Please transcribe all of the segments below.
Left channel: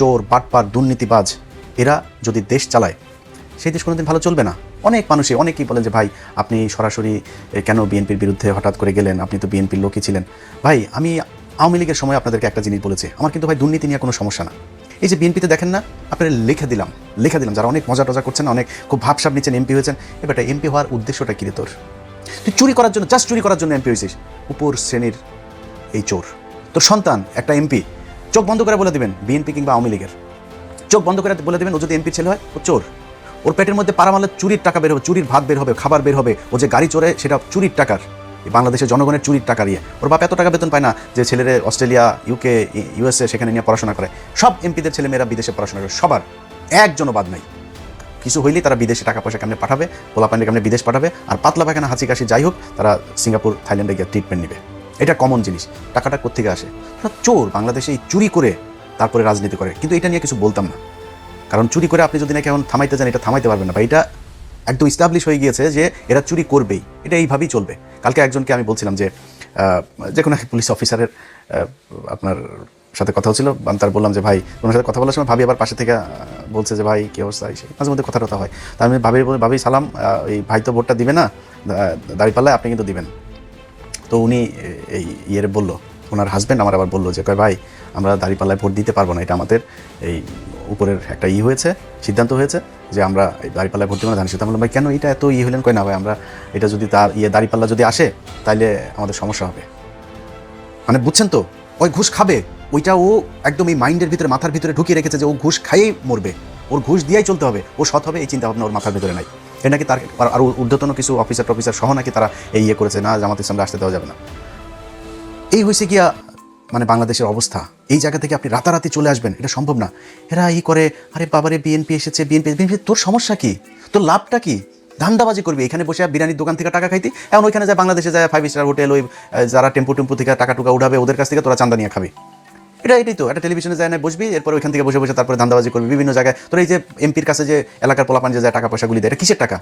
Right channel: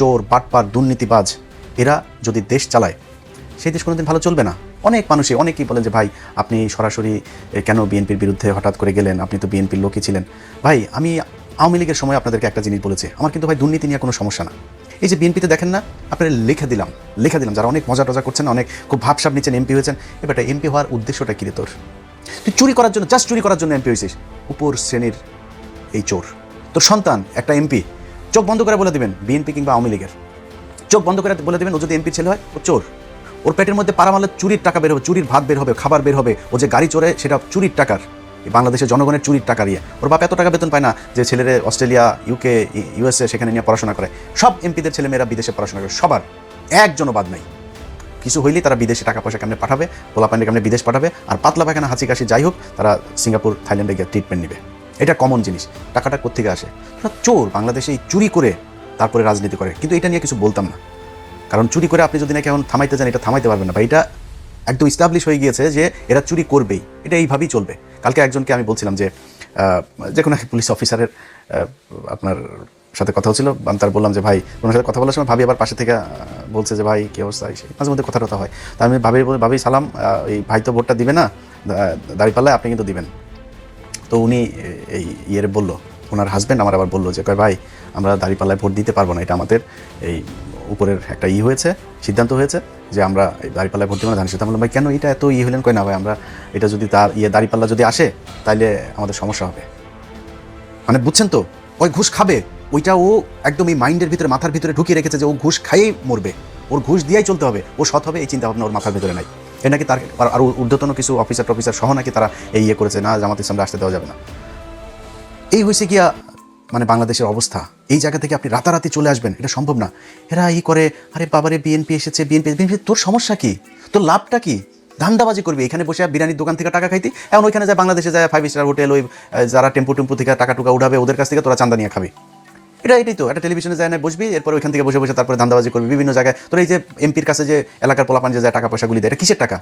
চোর, বাটপার, দুর্নীতিবাজ এরা যদি দেশ চালায়, সেই দেশ কোনোদিন ভালো চলবে না। অনেক মানুষই অনেকেই বলেন যে ভাই আপনি সরাসরি কেন বিএনপির বিরুদ্ধে হঠাৎ করে গেলেন, আপনি তো বিএনপির লোকই ছিলেন। ভাই আমি আওয়ামী লীগের সময় আপনাদেরকে একটা জিনিস বলেছি, আমার কিন্তু ভাই দুর্নীতি নিয়ে কোনো সমস্যা না। এই যে বিএনপিতে দেখেন না, আপনারা লিখে দিলাম যারা অনেক মজা টজা করছেন, অনেক খুব ভাবসাব নিচ্ছেন, এমপি হয়েছেন। এবার এমপি হওয়ার উদ্দেশ্যটা কি তোর? তুই চুরি করার জন্য, জাস্ট চুরি করার জন্য এমপি হয়েছিস। উপর শ্রেণীর এই চোর তোর সন্তান একটা এমপি, চোখ বন্ধ করে বলে দিবেন বিএনপি কিংবা আওয়ামী লীগের, চোখ বন্ধ করে বলে দিবেন ও যদি এমপি ছেলে হয় ও চোর। ওর পেটের মধ্যে পাড়া মারলে চুরির টাকা বের হবে, চুরির ভাগ বের হবে, খাবার বের হবে। ও যে গাড়ি চড়ে সেটা চুরির টাকার, বাংলাদেশের জনগণের চুরির টাকা দিয়ে। ওর বাপ এত টাকা বেতন পায় না যে ছেলেরে অস্ট্রেলিয়া, ইউকে, ইউএসএ সেখানে নিয়ে পড়াশোনা করে। সব এমপিদের ছেলেমেয়েরা বিদেশে পড়াশোনা করে, সবার, একজনও বাদ নাই। কিছু হইলে তারা বিদেশে টাকা পয়সা কেমনে পাঠাবে, পোলাপান্ডে কেমনে বিদেশ পাঠাবে, আর পাতলা পায়খানা হাঁচি কাশি যাই হোক তারা সিঙ্গাপুর, থাইল্যান্ডে গিয়ে ট্রিটমেন্ট নেবে। এটা কমন জিনিস। টাকাটা কোত্থেকে আসে? চোর বাংলাদেশে চুরি করে তারপরে রাজনীতি করে। কিন্তু এটা নিয়ে কিছু বলতাম না, কারণ চুরি করে আপনি যদি নাকি এখন থামাইতে যান, এটা থামাইতে পারবেন না ভাই। এটা একদম ইস্টাবলিশ হয়ে গিয়েছে যে এরা চুরি করবেই, এটা এইভাবেই চলবে। কালকে একজনকে আমি বলছিলাম যে কোনো এক পুলিশ অফিসারের আপনার সাথে কথা হচ্ছিল, আমি তার বললাম যে ভাই, ওনার সাথে কথা বলার সময় ভাবি আবার পাশে থেকে বলছে যে ভাই কী অবস্থা, মাঝে মধ্যে কথা টথা হয়। তা আমি ভাবি সালাম, এই ভাই তো ভোটটা দিবে না, দাঁড়িপাল্লায় আপনি কিন্তু দিবেন। তো উনি এই ইয়ের বললো, ওনার হাজব্যান্ড আমার আবার বললো যে ভাই আমরা দাঁড়িপাল্লায় ভোট দিতে পারবো না, এটা আমাদের এই উপরের একটা হয়েছে, সিদ্ধান্ত হয়েছে যে আমরা এই দাঁড়িপাল্লায় ভোট দেবো না, জানিস। তাহলে ভাই কেন এটা এত হলেন? কয় না ভাই, আমরা এটা যদি তার দাঁড়িপাল্লা যদি আসে তাহলে আমাদের সমস্যা হবে। মানে বুঝছেন তো, ওই ঘুষ খাবে, ওইটা ও একদম এই মাইন্ডের ভিতরে, মাথার ভিতরে ঢুকিয়ে রেখেছে যে ও ঘুষ খাইয়েই মরবে, ওর ঘুষ দিয়েই চলতে হবে, ও সৎ হবে, এই চিন্তা ভাবনা ওর মাথার ভিতরে নাই। এটা নাকি তার আরও ঊর্ধ্বতন কিছু অফিসার সহ নাকি তারা এই করেছে, না জামাত ইসলামে আসতে দেওয়া যাবে না। এই হয়েছে গিয়া মানে বাংলাদেশের অবস্থা। এই জায়গা থেকে আপনি রাতারাতি চলে আসবেন, এটা সম্ভব না। এরা করে, আরে বাবারে বিএনপি এসেছে, বিএনপি, তোর সমস্যা কি? তোর লাভটা কি? ধান্দাবাজি করবি এখানে বসে, বিরিয়ানির দোকান থেকে টাকা খাইতি, এখন ওইখানে যায় বাংলাদেশে যায় 5 স্টার হোটেল, ওই যারা টেম্পু থেকে টাকা টুকা উঠাবে ওদের কাছ থেকে তোরা চান্দা নিয়ে খাবি। এটাই তো একটা টেলিভিশনে যায় না বসবি, এরপর ওইখান থেকে বসে তারপরে ধান্দাবাজি করবি বিভিন্ন জায়গায়। তোর এই যে এমপির কাছে যে এলাকার পোলাপান যে যায় টাকা পয়সাগুলি দেয়, এটা কিসের টাকা?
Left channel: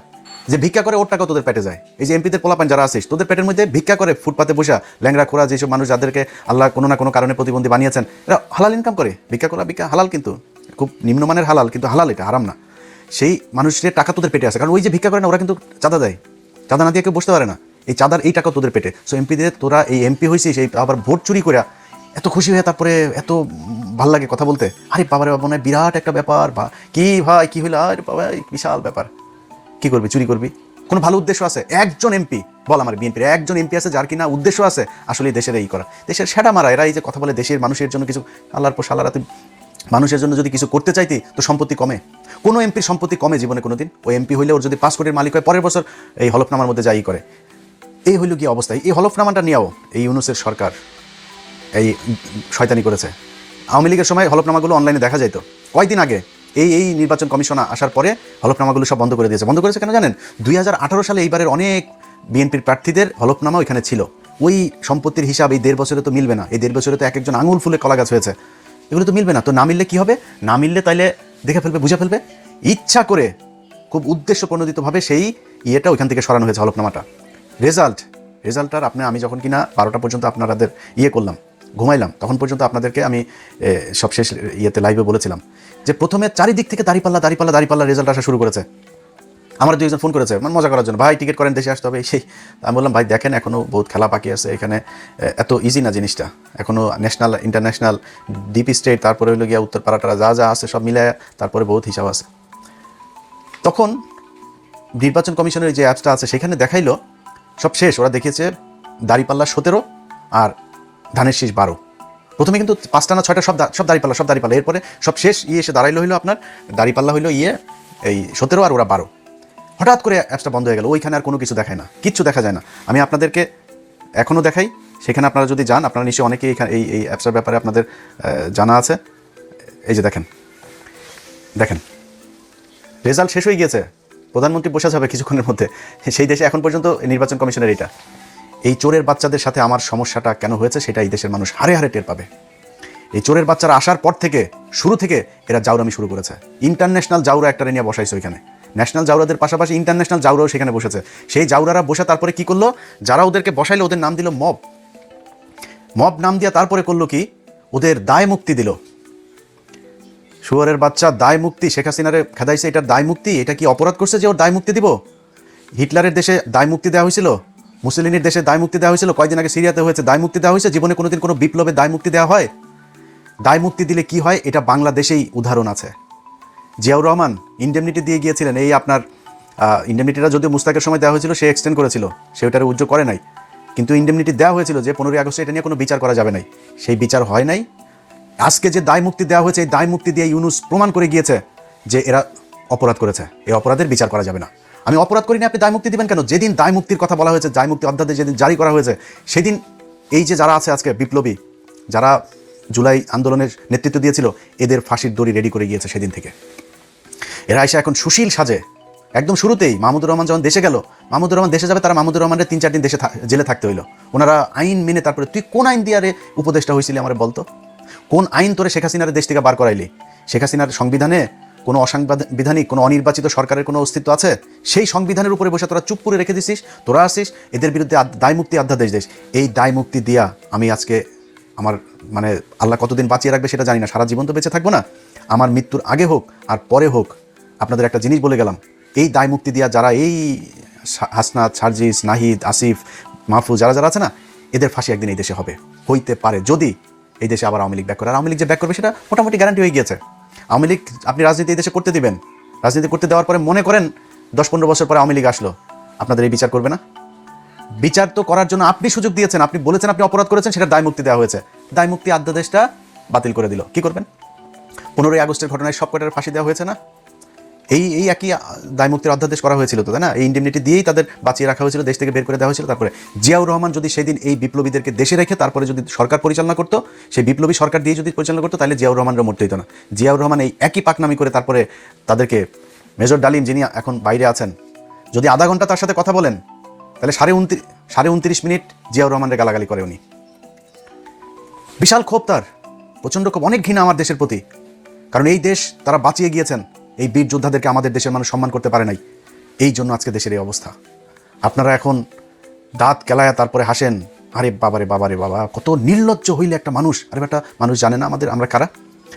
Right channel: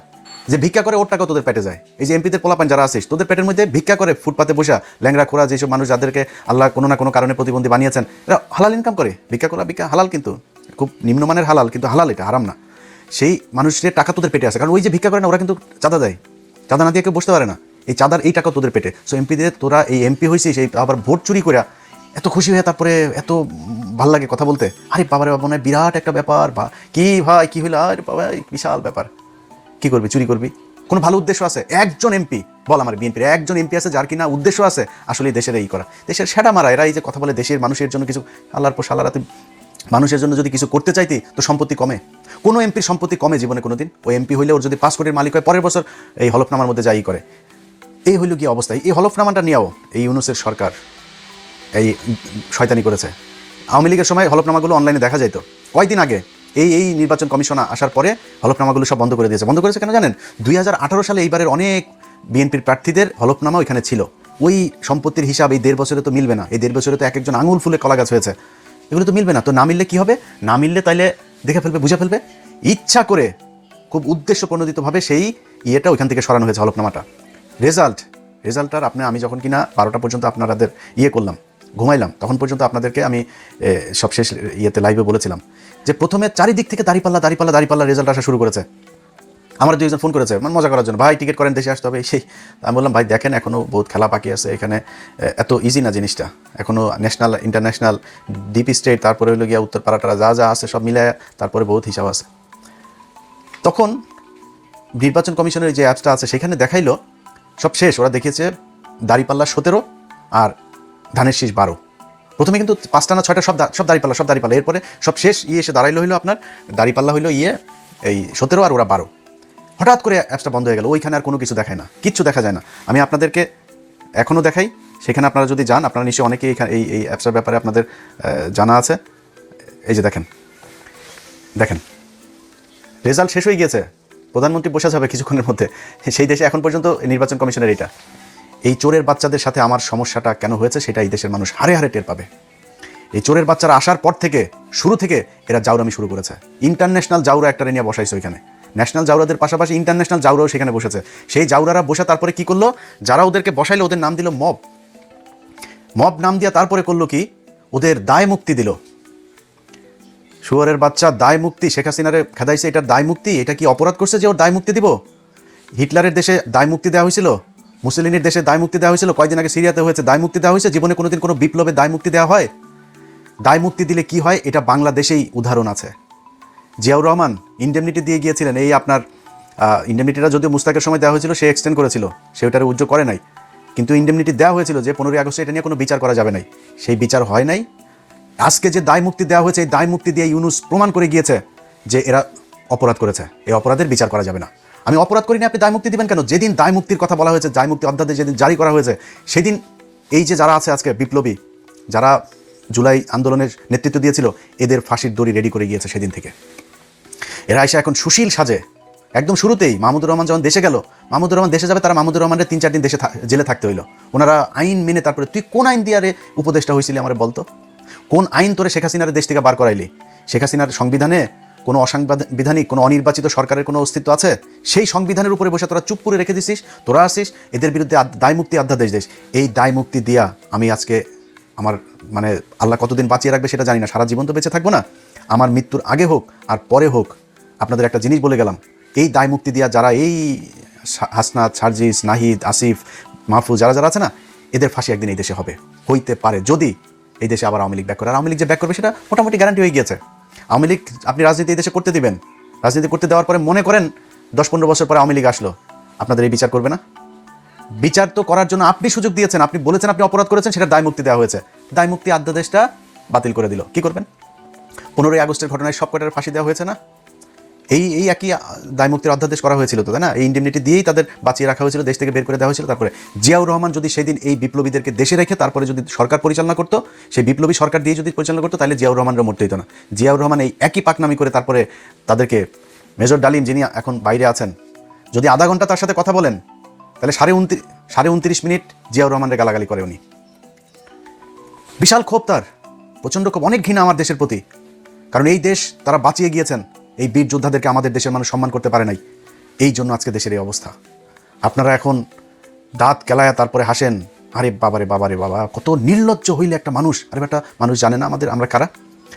যে ভিক্ষা করে ওর টাকা তোদের পেটে যায়। এই যে এমপিদের পোলাপান যারা আছিস, তোদের পেটের মধ্যে ভিক্ষা করে ফুটপাতে বসা ল্যাংরা খোরা যেসব মানুষ যাদেরকে আল্লাহ কোনো না কোনো কারণে প্রতিবন্ধী বানিয়েছেন, এরা হালাল ইনকাম করে। ভিক্ষা করা হালাল, কিন্তু খুব নিম্নমানের হালাল, কিন্তু হালাল, এটা হারাম না। সেই মানুষের টাকা তোদের পেটে আছে, কারণ ওই যে ভিক্ষা করে না, ওরা কিন্তু চাঁদা দেয়, এই চাঁদার এই টাকা তোদের পেটে। সো এমপিদের, তোরা এই এমপি হয়েছে সেই আবার ভোট চুরি করে এত খুশি হয়ে তারপরে এত ভাল লাগে কথা বলতে। আরে বাবারে বাবা, বিরাট একটা ব্যাপার, বা কি ভাই কি হইলো, আরে বাবা বিশাল ব্যাপার। কি করবি? চুরি করবি? কোনো ভালো উদ্দেশ্য আছে? একজন এমপি বল, আমার বিএনপির একজন এমপি আছে যার কিনা উদ্দেশ্য আছে আসলে দেশের এই করা, দেশের সেটা মারা। এরা এই যে কথা বলে দেশের মানুষের জন্য কিছু, আল্লাহর পর সারা রাতে মানুষের জন্য যদি কিছু করতে চাইতি তো সম্পত্তি কমে? কোনো এমপির সম্পত্তি কমে জীবনে কোনোদিন? ওই এমপি হইলে ওর যদি পাসপোর্টের মালিক হয়, পরের বছর এই হলফনামার মধ্যে যাই করে। এই হইল কি অবস্থা? এই হলফনামাটা নিয়েও এই ইউনূসের সরকার এই শয়তানি করেছে। আওয়ামী লীগের সময় হলফনামাগুলো অনলাইনে দেখা যাইতো, কয়েকদিন আগে এই নির্বাচন কমিশন আসার পরে হলফনামাগুলো সব বন্ধ করে দিয়েছে। বন্ধ করেছে কেন জানেন? 2018 সালে এইবারের অনেক বিএনপির প্রার্থীদের হলফনামা ওইখানে ছিল। ওই সম্পত্তির হিসাব এই 1.5 বছরে তো মিলবে না। এই 1.5 বছরে তো এক একজন আঙুল ফুলে কলা গাছ হয়েছে, এগুলো তো মিলবে না। তো না মিললে কি হবে? না মিললে তাইলে দেখে ফেলবে, বুঝে ফেলবে, ইচ্ছা করে খুব উদ্দেশ্য প্রণোদিতভাবে সেই ইয়েটা ওইখান থেকে সরানো হয়েছে, হলফনামাটা। রেজাল্টটার আমি যখন কিনা 12টা পর্যন্ত আপনাদের করলাম, ঘুমাইলাম, তখন পর্যন্ত আপনাদেরকে আমি সবশেষ লাইভে বলেছিলাম যে প্রথমে চারিদিক থেকে দাঁড়িপাল্লা রেজাল্ট আসা শুরু করেছে। আমার 2জন ফোন করেছে মজা করার জন্য, ভাই টিকিট করেন, দেশে আসতে হবে। আমি বললাম ভাই দেখেন এখনও বহুত খেলা বাকি আছে, এখানে এত ইজি না জিনিসটা, এখনও ন্যাশনাল ইন্টারন্যাশনাল ডিপ স্টেট, তারপরে হলো গিয়া উত্তর পাড়াটারা যা আছে সব মিলে তারপরে বহুত হিসাব আছে। তখন নির্বাচন কমিশনের যে অ্যাপসটা আছে সেখানে দেখাইলো সব শেষ, ওরা দেখিয়েছে দাঁড়িপাল্লা 17 আর ধানের শীষ 12। প্রথমে কিন্তু 5টা না 6টা সব দাঁড়িপাল্লা, এরপরে সব শেষ এসে দাঁড়াইলো হইলো আপনার দাঁড়িপাল্লা হইলো এই 17 আর ওরা 12। হঠাৎ করে অ্যাপসটা বন্ধ হয়ে গেল, ওইখানে আর কোনো কিছু দেখায় না, কিচ্ছু দেখা যায় না। আমি আপনাদেরকে এখনও দেখাই, সেখানে আপনারা যদি যান, আপনারা নিশ্চয়ই অনেকেই এই অ্যাপসের ব্যাপারে আপনাদের জানা আছে। এই যে দেখেন রেজাল্ট শেষ হয়ে গিয়েছে, প্রধানমন্ত্রী বসে যাবে কিছুক্ষণের মধ্যে। সেই দেশে এখন পর্যন্ত নির্বাচন কমিশনের এটা, এই চোরের বাচ্চাদের সাথে আমার সমস্যাটা কেন হয়েছে সেটা এই দেশের মানুষ হারে হারে টের পাবে। এই চোরের বাচ্চারা আসার পর থেকে, শুরু থেকে এরা জাউরামি শুরু করেছে। ইন্টারন্যাশনাল জাউরা একটা নিয়ে বসাইছে ওইখানে, ন্যাশনাল জাউরাদের পাশাপাশি ইন্টারন্যাশনাল জাউরাও সেখানে বসেছে। সেই জাউরারা বসে তারপরে কি করলো, যারা ওদেরকে বসাইলো ওদের নাম দিল মব নাম দিয়া তারপরে করলো কি, ওদের দায় মুক্তি দিল। শুয়োরের বাচ্চা, দায় মুক্তি, শেখ হাসিনারে খেদাইছে, এটার দায় মুক্তি, এটা কি অপরাধ করছে যে ওর দায় মুক্তি দিব? হিটলারের দেশে দায় মুক্তি দেওয়া হয়েছিল, মুসলিনের দেশে দায় মুক্তি দেওয়া হয়েছিল, কয়দিন আগে সিরিয়াতে হয়েছে, দায় মুক্তি দেওয়া হয়েছে? জীবনে কোনোদিন কোনো বিপ্লবে দায় মুক্তি দেওয়া হয়? দায় মুক্তি দিলে কি হয়, এটা বাংলাদেশেই উদাহরণ আছে। জিয়াউর রহমান ইন্ডেমনিটি দিয়ে গিয়েছিলেন, এই আপনার ইন্ডেমনিটিটা যদিও মুস্তাকের সময় দেওয়া হয়েছিল, সে এক্সটেন্ড করেছিল, সে ওটারে উজ্জ্ব করে নাই, কিন্তু ইন্ডেমনিটি দেওয়া হয়েছিল যে 15ই আগস্টে এটা নিয়ে কোনো বিচার করা যাবে নাই, সেই বিচার হয় নাই। আজকে যে দায় মুক্তি দেওয়া হয়েছে, এই দায় মুক্তি দিয়ে ইউনূস প্রমাণ করে গিয়েছে যে এরা অপরাধ করেছে, এই অপরাধের বিচার করা যাবে না। আমি অপরাধ করিনি, আপনি দায় মুক্তি দিবেন কেন? যেদিন দায় মুক্তির কথা বলা হয়েছে, দায় মুক্তি অধ্যাদেশ যেদিন জারি করা হয়েছে, সেদিন এই যে যারা আছে আজকের বিপ্লবী, যারা জুলাই আন্দোলনের নেতৃত্ব দিয়েছিল, এদের ফাঁসির দড়ি রেডি করে গিয়েছে সেদিন থেকে। এরা এসে এখন সুশীল সাজে, একদম শুরুতেই মাহমুদুর রহমান যখন দেশে গেল, মাহমুদুর রহমান দেশে যাবে, তারা মাহমুদুর রহমানের 3-4 দিন দেশে জেলে থাকতে হইলো। ওনারা আইন মেনে, তারপরে তুই কোন আইন দিয়ে আরে উপদেষ্টা হয়েছিলি আমার বলতো, কোন আইন তোরে শেখ হাসিনার দেশ থেকে বার করাইলি? শেখ হাসিনার সংবিধানে কোনো অসাংবিধানিক, কোনো অনির্বাচিত সরকারের কোনো অস্তিত্ব আছে? সেই সংবিধানের উপরে বসে তোরা চুপ করে রেখে দিছিস, তোরা আসিস এদের বিরুদ্ধে দায় মুক্তি অধ্যাদেশ দিস। এই দায় মুক্তি দিয়া আমি আজকে আমার মানে আল্লাহ কতদিন বাঁচিয়ে রাখবে সেটা জানি না, সারা জীবন তো বেঁচে থাকবো না, আমার মৃত্যুর আগে হোক আর পরে হোক, আপনাদের একটা জিনিস বলে গেলাম, এই দায় মুক্তি দিয়া যারা এই হাসনাত, সার্জিস, নাহিদ, আসিফ, মাহফুজ, যারা যারা আছে না, এদের ফাঁসি একদিন এই দেশে হবে, হইতে পারে যদি এই দেশে আবার আওয়ামী লীগ ব্যাক করে। আর আওয়ামী লীগ যে ব্যাক করবে সেটা মোটামুটি গ্যারান্টি হয়ে গিয়েছে। আওয়ামী লীগ আপনি রাজনীতি এই দেশে করতে দিবেন, রাজনীতি করতে দেওয়ার পরে মনে করেন 10-15 বছর পরে আওয়ামী লীগ আসলো, আপনাদের এই বিচার করবে না? বিচার তো করার জন্য আপনি সুযোগ দিয়েছেন, আপনি বলেছেন আপনি অপরাধ করেছেন, সেটা দায় মুক্তি দেওয়া হয়েছে, দায় মুক্তি অধ্যাদেশটা বাতিল করে দিল, কি করবেন? 15ই আগস্টের ঘটনায় সব কটার ফাঁসি দেওয়া হয়েছে না? এই একই দায় মুক্তির অধ্যাদেশ করা হয়েছিল তো, তাই না? এই ইন্ডেমনিটি দিয়েই তাদের বাঁচিয়ে রাখা হয়েছিল, দেশ থেকে বের করে দেওয়া হয়েছিল। তারপরে জিয়াউর রহমান যদি সেদিন এই বিপ্লবীদেরকে দেশে রেখে তারপরে যদি সরকার পরিচালনা করতো, সেই বিপ্লবী সরকার দিয়ে যদি পরিচালনা করতো, তাহলে জিয়াউর রহমানরা মরতে হতো না। জিয়াউর রহমান এই একই পাকনামি করে তারপরে তাদেরকে, মেজর ডালিম যিনি এখন বাইরে আছেন, যদি আধা ঘন্টা তার সাথে কথা বলেন, তাহলে 29.5 মিনিট জিয়াউর রহমানের গালাগালি করে উনি। বিশাল ক্ষোভ তার, প্রচন্ড ক্ষোভ, অনেক ঘৃণা আমার দেশের প্রতি, কারণ এই দেশ তারা বাঁচিয়ে গিয়েছেন, এই বীর যোদ্ধাদেরকে আমাদের দেশের মানুষ সম্মান করতে পারে নাই, এই জন্য আজকে দেশের এই অবস্থা। আপনারা এখন দাঁত কেলায়া তারপরে হাসেন, আরে বাবারে বাবারে বাবা, কত নির্লজ্জ হইলে একটা মানুষ। আরে একটা মানুষ জানে না আমরা কারা,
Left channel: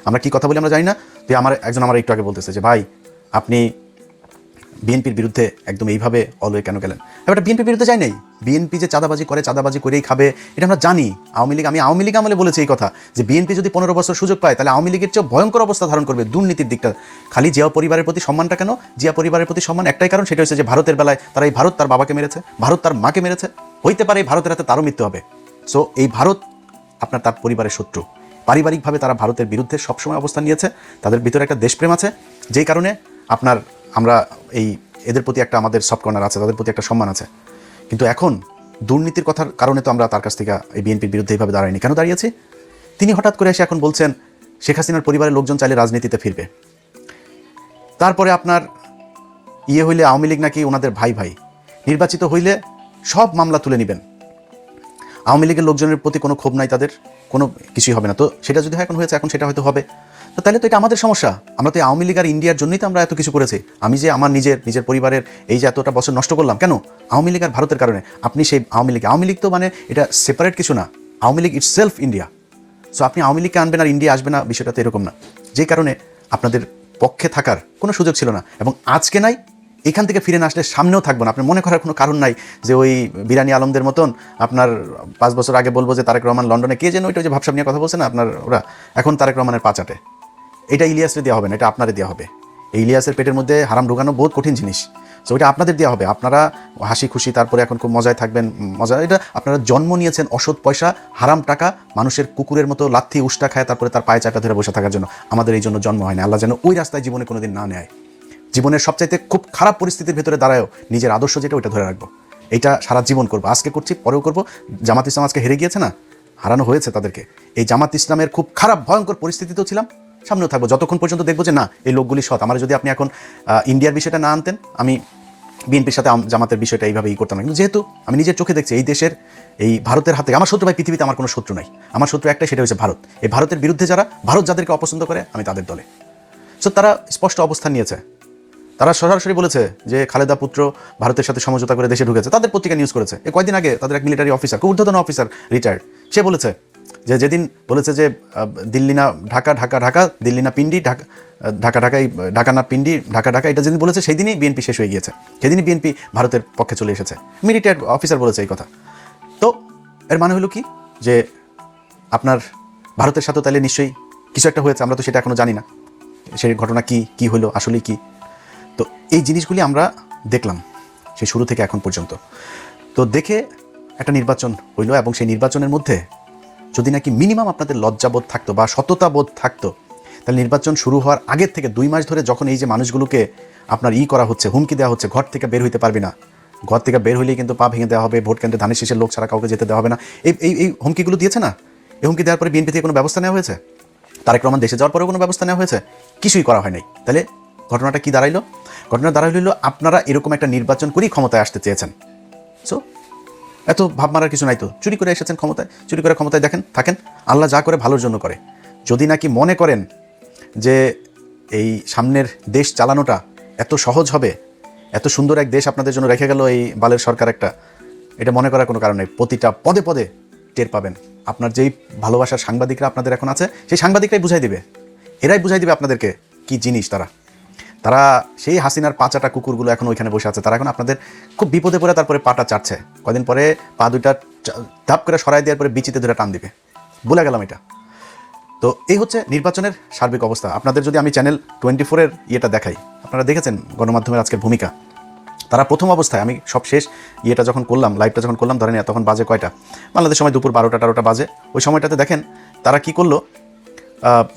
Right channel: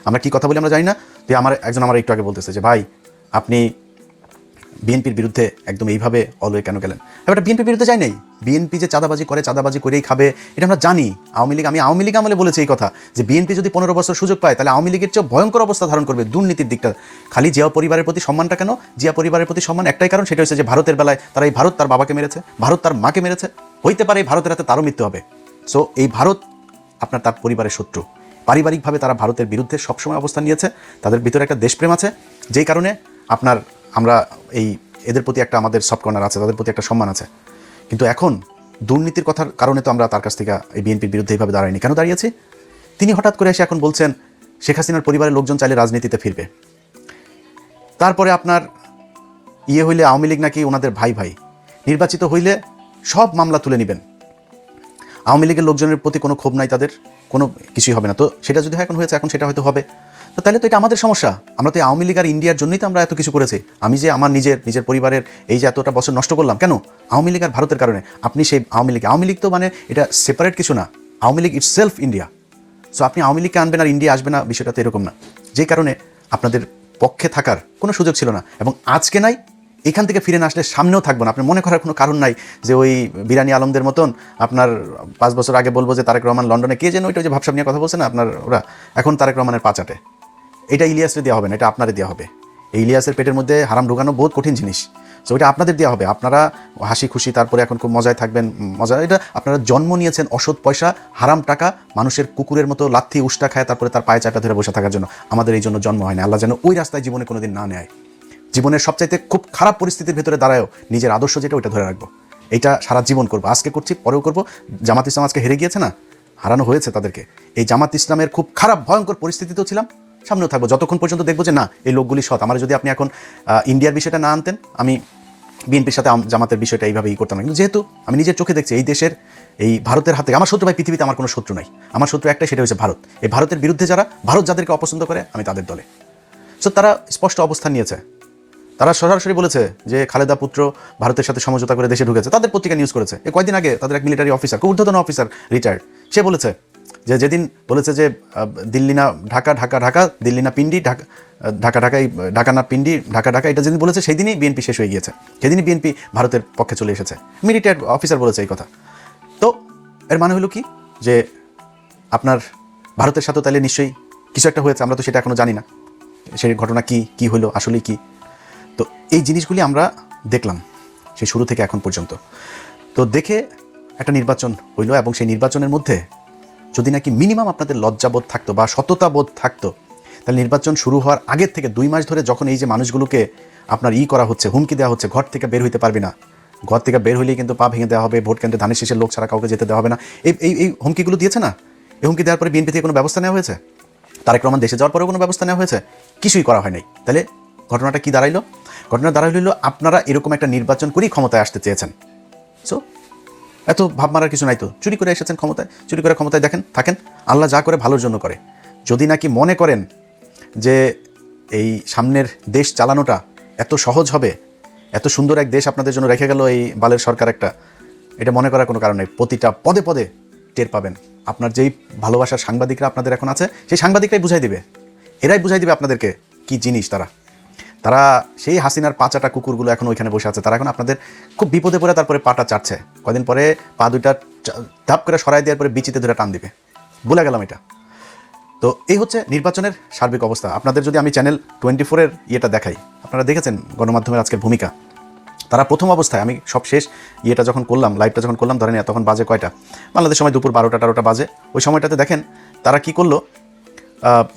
আমরা কি কথা বলি আমরা জানি না। তো একজন আমার একটু আগে বলতেছে যে ভাই আপনি বিএনপির বিরুদ্ধে একদম এইভাবে অলওয়ে কেন গেলেন? এবার বিএনপির বিরুদ্ধে যাই নাই, বিএনপি যে চাঁদাবাজি করে, চাঁদাবাজি করেই খাবে, এটা আমরা জানি। আমি আওয়ামী লীগ আমলে বলেছি এই কথা, যে বিএনপি যদি 15 বছর সুযোগ পায়, তাহলে আওয়ামী লীগের চেয়ে ভয়ঙ্কর অবস্থা ধারণ করবে দুর্নীতির দিকটা। খালি জিয়া পরিবারের প্রতি সম্মানটা কেন? জিয়া পরিবারের প্রতি সম্মান একটাই কারণ, সেটা হচ্ছে যে ভারতের বেলায় তারা এই ভারত তার বাবাকে মেরেছে, ভারত তার মাকে মেরেছে, হইতে পারে এই ভারতের হাতে তারও মৃত্যু হবে। সো এই ভারত আপনার তার পরিবারের শত্রু, পারিবারিকভাবে তারা ভারতের বিরুদ্ধে সবসময় অবস্থান নিয়েছে, তাদের ভিতরে একটা দেশপ্রেম আছে, যেই কারণে আমরা এই এদের প্রতি একটা আমাদের সফট কর্নার আছে, তাদের প্রতি একটা সম্মান আছে। কিন্তু এখন দুর্নীতির কথার কারণে তো আমরা তার কাছ থেকে এই বিএনপির বিরুদ্ধে এইভাবে দাঁড়াইনি। কেন দাঁড়িয়েছি? তিনি হঠাৎ করে এসে এখন বলছেন শেখ হাসিনার পরিবারের লোকজন চাইলে রাজনীতিতে ফিরবে। তারপরে আপনার হইলে আওয়ামী লীগ নাকি ওনাদের ভাই ভাই, নির্বাচিত হইলে সব মামলা তুলে নেবেন। আওয়ামী লীগের লোকজনের প্রতি কোনো ক্ষোভ নাই, তাদের কোনো কিছুই হবে না। তো সেটা যদি এখন হয়েছে, এখন সেটা হয়তো হবে, তো তাহলে তো এটা আমাদের সমস্যা। আমরা তো আওয়ামী লীগ আর ইন্ডিয়ার জন্যই তো আমরা এত কিছু করেছি। আমি যে আমার নিজের পরিবারের এই যে এতটা বছর নষ্ট করলাম, কেন? আওয়ামী লীগ আর ভারতের কারণে। আপনি সেই আওয়ামী লীগ তো মানে এটা সেপারেট কিছু না, Awami League it's self India. So আপনি আওয়ামী লীগকে আনবেন আর ইন্ডিয়া আসবে না, বিষয়টা তো এরকম না। যে কারণে আপনাদের পক্ষে থাকার কোনো সুযোগ ছিল না, এবং আজকে নাই, এখান থেকে ফিরে না আসলে সামনেও থাকবেন। আপনার মনে করার কোনো কারণ নাই যে ওই বিরানি আলমদের মতন আপনার 5 বছর আগে বলবো যে তারেক রহমান লন্ডনে, কে যেন ওইটা যে ভাবসাব নিয়ে কথা বলছে না আপনার ওরা, এখন তারেক রহমানের পাচাটে, এটা ইলিয়াসের দেওয়া হবে না, এটা আপনাদের দেওয়া হবে। এই ইলিয়াসের পেটের মধ্যে হারাম ঢোকানো বহুত কঠিন জিনিস, সো এটা আপনাদের দেওয়া হবে। আপনারা হাসি খুশি তারপরে এখন খুব মজায় থাকবেন, মজা। এটা আপনারা জন্ম নিয়েছেন অসৎ পয়সা, হারাম টাকা, মানুষের কুকুরের মতো লাথি উষ্টা খায়, তারপরে তার পায়ে চাটা ধরে বসে থাকার জন্য। আমাদের এই জন্য জন্ম হয় না। আল্লাহ যেন ওই রাস্তায় জীবনে কোনোদিন না নেয়। জীবনের সবচাইতে খুব খারাপ পরিস্থিতির ভেতরে দাঁড়ায়ও নিজের আদর্শ যেটা, ওইটা ধরে রাখবো। এটা সারা জীবন করবো, আজকে করছি, পরেও করবো। জামাত ইসলাম আজকে হেরে গিয়েছে না, হারানো হয়েছে তাদেরকে। এই জামাত ইসলামের খুব খারাপ ভয়ঙ্কর পরিস্থিতিতেও ছিলাম, সামনেও থাকবো, যতক্ষণ পর্যন্ত দেখবো যে না এই লোকগুলি সৎ। আমার যদি আপনি এখন ইন্ডিয়ার বিষয়টা না আনতেন, আমি বিএনপির সাথে জামাতের বিষয়টা এইভাবেই করতাম। যেহেতু আমি নিজের চোখে দেখছি এই দেশের, এই ভারতের হাতে আমার শত্রু ভাই, পৃথিবীতে আমার কোনো শত্রু নাই, আমার শত্রু একটাই, সেটা হচ্ছে ভারত। এই ভারতের বিরুদ্ধে যারা, ভারত যাদেরকে অপছন্দ করে, আমি তাদের দলে। সো তারা স্পষ্ট অবস্থান নিয়েছে। তারা সরাসরি বলেছে যে খালেদা পুত্র ভারতের সাথে সমঝোতা করে দেশে ঢুকেছে। তাদের পত্রিকা নিউজ করেছে কয়েকদিন আগে, তাদের এক মিলিটারি অফিসার, ঊর্ধ্বতন অফিসার, রিটায়ার্ড, সে বলেছে যে যেদিন বলেছে যে দিল্লি না ঢাকা, ঢাকা ঢাকা, দিল্লি না পিন্ডি, ঢাকা ঢাকা ঢাকাই, ঢাকা না পিন্ডি, ঢাকা ঢাকা, এটা যেদিন বলেছে সেই দিনই বিএনপি শেষ হয়ে গিয়েছে, সেদিনই বিএনপি ভারতের পক্ষে চলে এসেছে। মিলিটারি অফিসার বলেছে এই কথা। তো এর মানে হলো কি যে আপনার ভারতের সাথে তাহলে নিশ্চয়ই কিছু একটা হয়েছে, আমরা তো সেটা এখনো জানি না সেই ঘটনা কি হলো, আসলে কি। তো এই জিনিসগুলি আমরা দেখলাম সেই শুরু থেকে এখন পর্যন্ত। তো দেখে একটা নির্বাচন হইলো, এবং সেই নির্বাচনের মধ্যে যদি নাকি মিনিমাম আপনাদের লজ্জাবোধ থাকতো বা সততাবোধ থাকতো, তাহলে নির্বাচন শুরু হওয়ার আগের থেকে 2 মাস ধরে যখন এই যে মানুষগুলোকে আপনার করা হচ্ছে, হুমকি দেওয়া হচ্ছে, ঘর থেকে বের হইতে পারবি না, ঘর থেকে বের হইলেই কিন্তু পা ভেঙে দেওয়া হবে, ভোট কেন্দ্রে ধানের শীষের লোক ছাড়া কাউকে যেতে দেওয়া হবে না, এই এই এই হুমকিগুলো দিয়েছে না। এই হুমকি দেওয়ার পরে বিএনপি থেকে কোনো ব্যবস্থা নেওয়া হয়েছে? তারেক রহমান দেশে যাওয়ার পরেও কোনো ব্যবস্থা নেওয়া হয়েছে? কিছুই করা হয়নি। তাহলে ঘটনাটা কি দাঁড়াইলো? ঘটনা দাঁড়াইল আপনারা এরকম একটা নির্বাচন করেই ক্ষমতায় আসতে চেয়েছেন। এত ভাব মারার কিছু নাই তো, চুরি করে এসেছেন ক্ষমতায়, চুরি করে ক্ষমতায় দেখেন থাকেন। আল্লাহ যা করে ভালোর জন্য করে। যদি নাকি মনে করেন যে এই সামনের দেশ চালানোটা এত সহজ হবে, এত সুন্দর এক দেশ আপনাদের জন্য রেখে গেল এই বালের সরকার একটা, এটা মনে করার কোনো কারণ নেই। প্রতিটা পদে পদে টের পাবেন। আপনার যেই ভালোবাসার সাংবাদিকরা আপনাদের এখন আছে, সেই সাংবাদিকরাই বুঝাই দিবে, এরাই বুঝাই দিবে আপনাদেরকে কি জিনিস। তারা সেই হাসিনার পাচাটা কুকুরগুলো এখন ওইখানে বসে আছে, তারা এখন আপনাদের খুব বিপদে পড়ে তারপরে পাটা চাটছে, কদিন পরে পা দুটা চাপ করে সরাই দেওয়ার পরে বিচিতে ধরে টান দিবে, বলে গেলাম এটা। তো এই হচ্ছে নির্বাচনের সার্বিক অবস্থা। আপনাদের যদি আমি চ্যানেল 24-এর ইয়েটা দেখাই, আপনারা দেখেছেন গণমাধ্যমের আজকের ভূমিকা। তারা প্রথম অবস্থায়, আমি সব শেষ ইয়েটা যখন করলাম, লাইভটা যখন করলাম, ধরেন তখন বাজে কয়টা, বাংলাদেশ সময় দুপুর 12টা বাজে। ওই সময়টাতে দেখেন তারা কি করলো,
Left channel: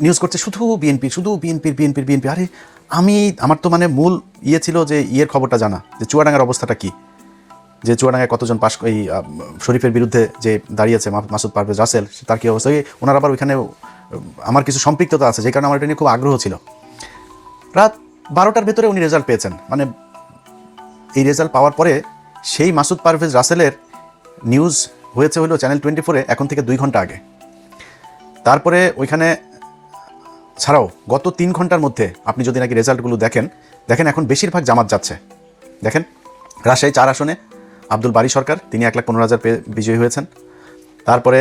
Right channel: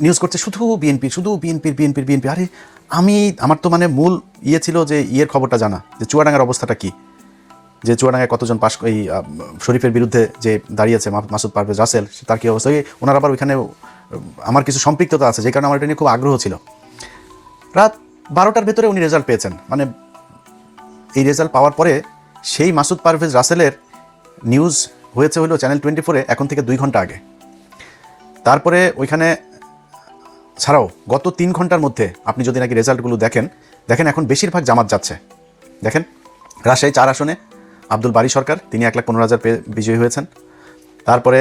নিউজ করছে শুধু বিএনপি, শুধু বিএনপি। আরে আমার তো মানে মূল ছিল যে ইয়ের খবরটা জানা, যে চুয়াডাঙ্গার অবস্থাটা কি, যে চুয়াডাঙ্গায় কতজন পাশ, এই শরীফের বিরুদ্ধে যে দাঁড়িয়েছে মাসুদ পারভেজ রাসেল, তার কি অবস্থা। ওনার আবার ওইখানে আমার কিছু সম্পৃক্ততা আছে, যে কারণে আমার এটা নিয়ে খুব আগ্রহ ছিল। রাত 12টার ভেতরে উনি রেজাল্ট পেয়েছেন, মানে এই রেজাল্ট পাওয়ার পরে সেই মাসুদ পারভেজ রাসেলের নিউজ হয়েছে হলো চ্যানেল 24-এ এখন থেকে 2 ঘন্টা আগে। তারপরে ওইখানে ছাড়াও গত 3 ঘন্টার মধ্যে আপনি যদি নাকি রেজাল্টগুলো দেখেন এখন বেশিরভাগ জামাত যাচ্ছে। দেখেন রাজশাহী 4 আসনে আব্দুল বারী সরকার, তিনি 1,15,000 পেয়ে বিজয়ী হয়েছেন। তারপরে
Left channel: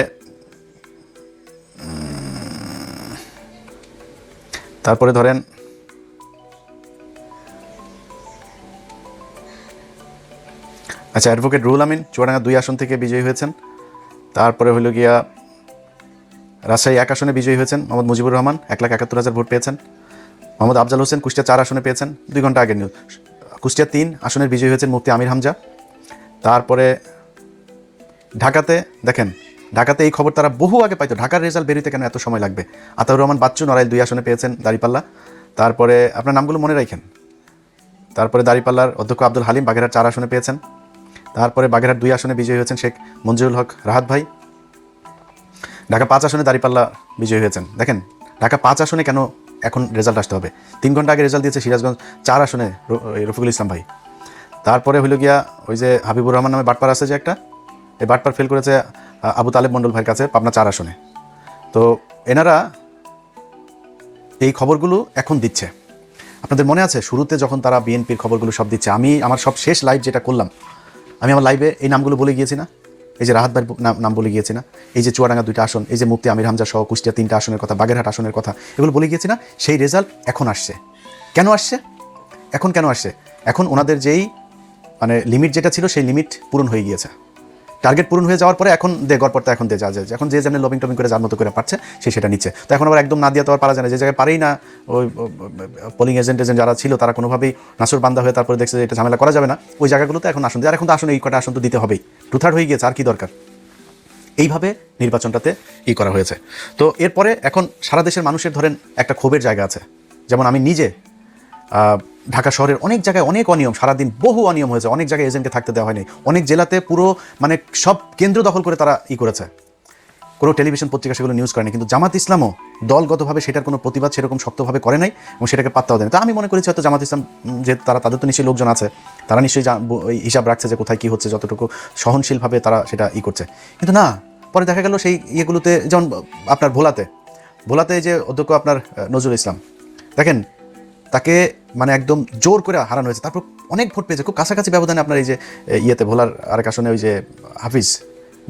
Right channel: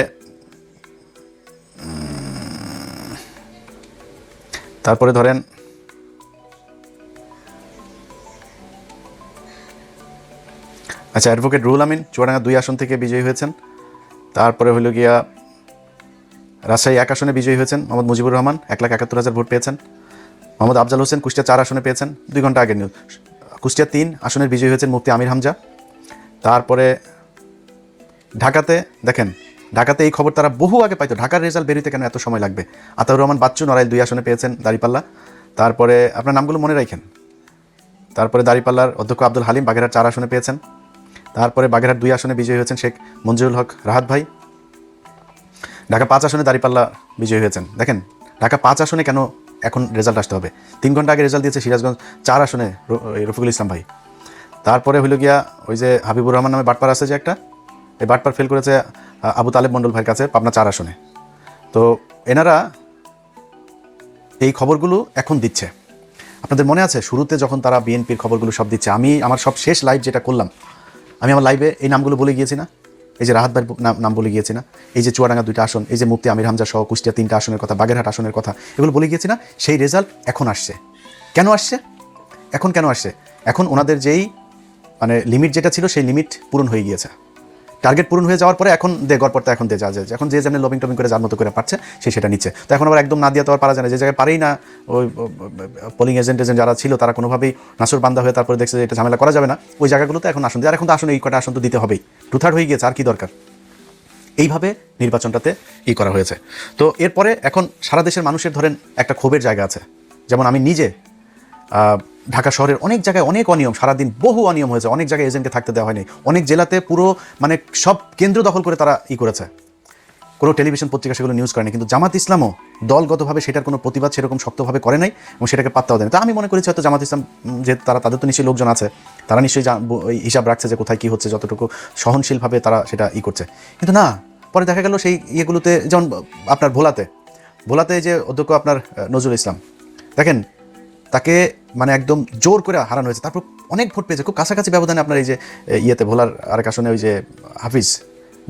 ধরেন আচ্ছা, অ্যাডভোকেট রুহুল আমিন চুয়াডাঙ্গা 2 আসন থেকে বিজয়ী হয়েছেন। তারপরে হলো গিয়া রাজশাহী 1 আসনে বিজয়ী হয়েছেন মোহাম্মদ মুজিবুর রহমান, 1,71,000 ভোট পেয়েছেন। মোহাম্মদ আফজাল হোসেন কুষ্টিয়া 4 আসনে পেয়েছেন, 2 ঘন্টা আগে নিন। কুষ্টিয়া 3 আসনের বিজয়ী হয়েছেন মুফতি আমির হামজা। তারপরে ঢাকাতে দেখেন, ঢাকাতে এই খবর তারা বহু আগে পাইতো, ঢাকার রেজাল্ট বেরোতে কেন এত সময় লাগবে। আতাউর রহমান বাচ্চু নারায়ণ 2 আসনে পেয়েছেন দাঁড়িপাল্লা। তারপরে আপনার নামগুলো মনে রাখেন। তারপরে দাঁড়িপাল্লার অধ্যক্ষ আব্দুল হালিম বাগেরহাট 4 আসনে পেয়েছেন। তারপরে বাগেরহাট 2 আসনে বিজয়ী হয়েছেন শেখ মঞ্জুরুল হক রাহাত ভাই। ঢাকা 5 আসনে দাঁড়িপাল্লা বিজয়ী হয়েছেন। দেখেন ঢাকা 5 আসনে কেন এখন রেজাল্ট আসতে হবে, 3 ঘন্টা আগে রেজাল্ট দিয়েছে সিরাজগঞ্জ 4 আসনে রফিকুল ইসলাম ভাই। তারপরে হলো গিয়া ওই যে হাবিবুর রহমান নামে বাটপার আছে যে একটা, এই বাটপার ফেল করেছে আবু তালেব মন্ডল ভাইয়ের কাছে 4 আসনে। তো এনারা এই খবরগুলো এখন দিচ্ছে। আপনাদের মনে আছে শুরুতে যখন তারা বিএনপির খবরগুলো সব দিচ্ছে, আমি আমার সব শেষ লাইভ যেটা করলাম, আমি আমার লাইভে এই নামগুলো বলে গিয়েছি না, এই যে রাহাত ভাইয়ের নাম বলে গিয়েছি না, এই যে চুয়াডাঙ্গা 2টা আসন, এই যে মুফতি আমির হামজা সহ কুষ্টিয়া 3টা আসনের কথা, বাগেরহাট আসনের কথা, এগুলো বলে গিয়েছি না। সেই রেজাল্ট এখন আসছে। কেন আসছে? এখন কেন আসছে? এখন ওনাদের যেই মানে লিমিট যেটা ছিল সেই লিমিট পূরণ হয়ে গিয়েছে। টার্গেট পূরণ হয়ে যাওয়ার পরে এখন গড়পড়তে এখন যা যায়, এখন যে যেমন লবিং টবিং করে যার মতো করে পাচ্ছে সে সেটা নিচ্ছে। তো এখন আবার একদম না দিয়ে তো আর পারা যায় না, যে জায়গায় পারেই না ওই পোলিং এজেন্ট যারা ছিল তারা কোনোভাবেই নাসুর বান্দা হয়ে তারপরে দেখছে যে এটা ঝামেলা করা যাবে না, ওই জায়গাগুলোতে এখন আসন দিয়ে, আর এখন তো আসলে এই কটা আসন তো দিতে হবেই, টুথার্ড হয়ে গিয়েছে, আর কি দরকার। এইভাবে নির্বাচনটাতে করা হয়েছে। তো এরপরে এখন সারা দেশের মানুষের ধরেন একটা ক্ষোভের জায়গা আছে। যেমন আমি নিজে ঢাকা শহরের অনেক জায়গায় অনেক অনিয়ম, সারাদিন বহু অনিয়ম হয়েছে, অনেক জায়গায় এজেন্টকে থাকতে দেওয়া হয়নি, অনেক জেলাতে পুরো মানে সব কেন্দ্র দখল করে তারা করেছে, কোনো টেলিভিশন পত্রিকা সেগুলো নিউজ করেনি। কিন্তু জামাত ইসলামও দলগতভাবে সেটার কোনো প্রতিবাদ সেরকম শক্তভাবে করে নাই এবং সেটাকে পাত্তাও দেয়নি। তা আমি মনে করেছি হয়তো জামাত ইসলাম যে তাদের তো নিশ্চয়ই লোকজন আছে, তারা নিশ্চয়ই হিসাব রাখছে যে কোথায় কী হচ্ছে, যতটুকু সহনশীলভাবে তারা সেটা করছে। কিন্তু না, পরে দেখা গেল সেই ইয়েগুলোতে, যেমন আপনার ভোলাতে যে অধ্যক্ষ আপনার নজরুল ইসলাম, দেখেন তাকে মানে একদম জোর করে হারানো হয়েছে। তারপর অনেক ভোট পেয়েছে, খুব কাছাকাছি ব্যবধানে। আপনার এই যে ইয়েতে ভোলার আরেক আসনে ওই যে হাফিজ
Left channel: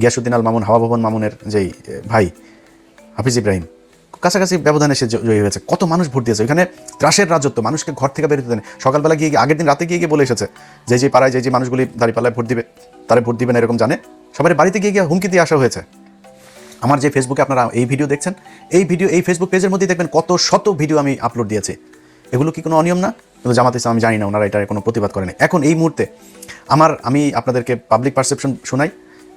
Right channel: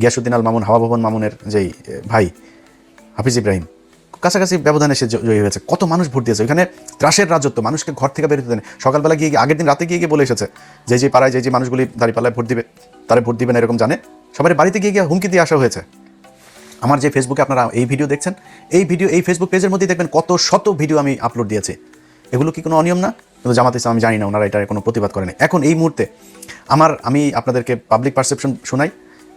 গিয়াসুদ্দিন আল মামুন, হাওয়া ভবন মামুনের যেই ভাই হাফিজ ইব্রাহিম, কাছাকাছি ব্যবধানে সে জয়ী হয়েছে। কত মানুষ ভোট দিয়েছে। এখানে ত্রাসের রাজত্ব, মানুষকে ঘর থেকে বেরোতে দেন। সকালবেলা গিয়ে আগের দিন রাতে গিয়ে বলে এসেছে যে পাড়ায় যে মানুষগুলি দাঁড়িপাল্লায় ভোট দিবে তারা ভোট দিবে না এরকম জানে, সবার বাড়িতে গিয়ে হুমকি দিয়ে আসা হয়েছে। আমার যে ফেসবুকে আপনারা এই ভিডিও দেখছেন, এই ফেসবুক পেজের মধ্যেই দেখবেন কত শত ভিডিও আমি আপলোড দিয়েছি। এগুলো কি কোনো অনিয়ম না? কিন্তু জামাত ইসলাম আমি জানি না, ওনারা এটা কোনো প্রতিবাদ করেনি। এখন এই মুহূর্তে আমি আপনাদেরকে পাবলিক পারসেপশন শোনাই।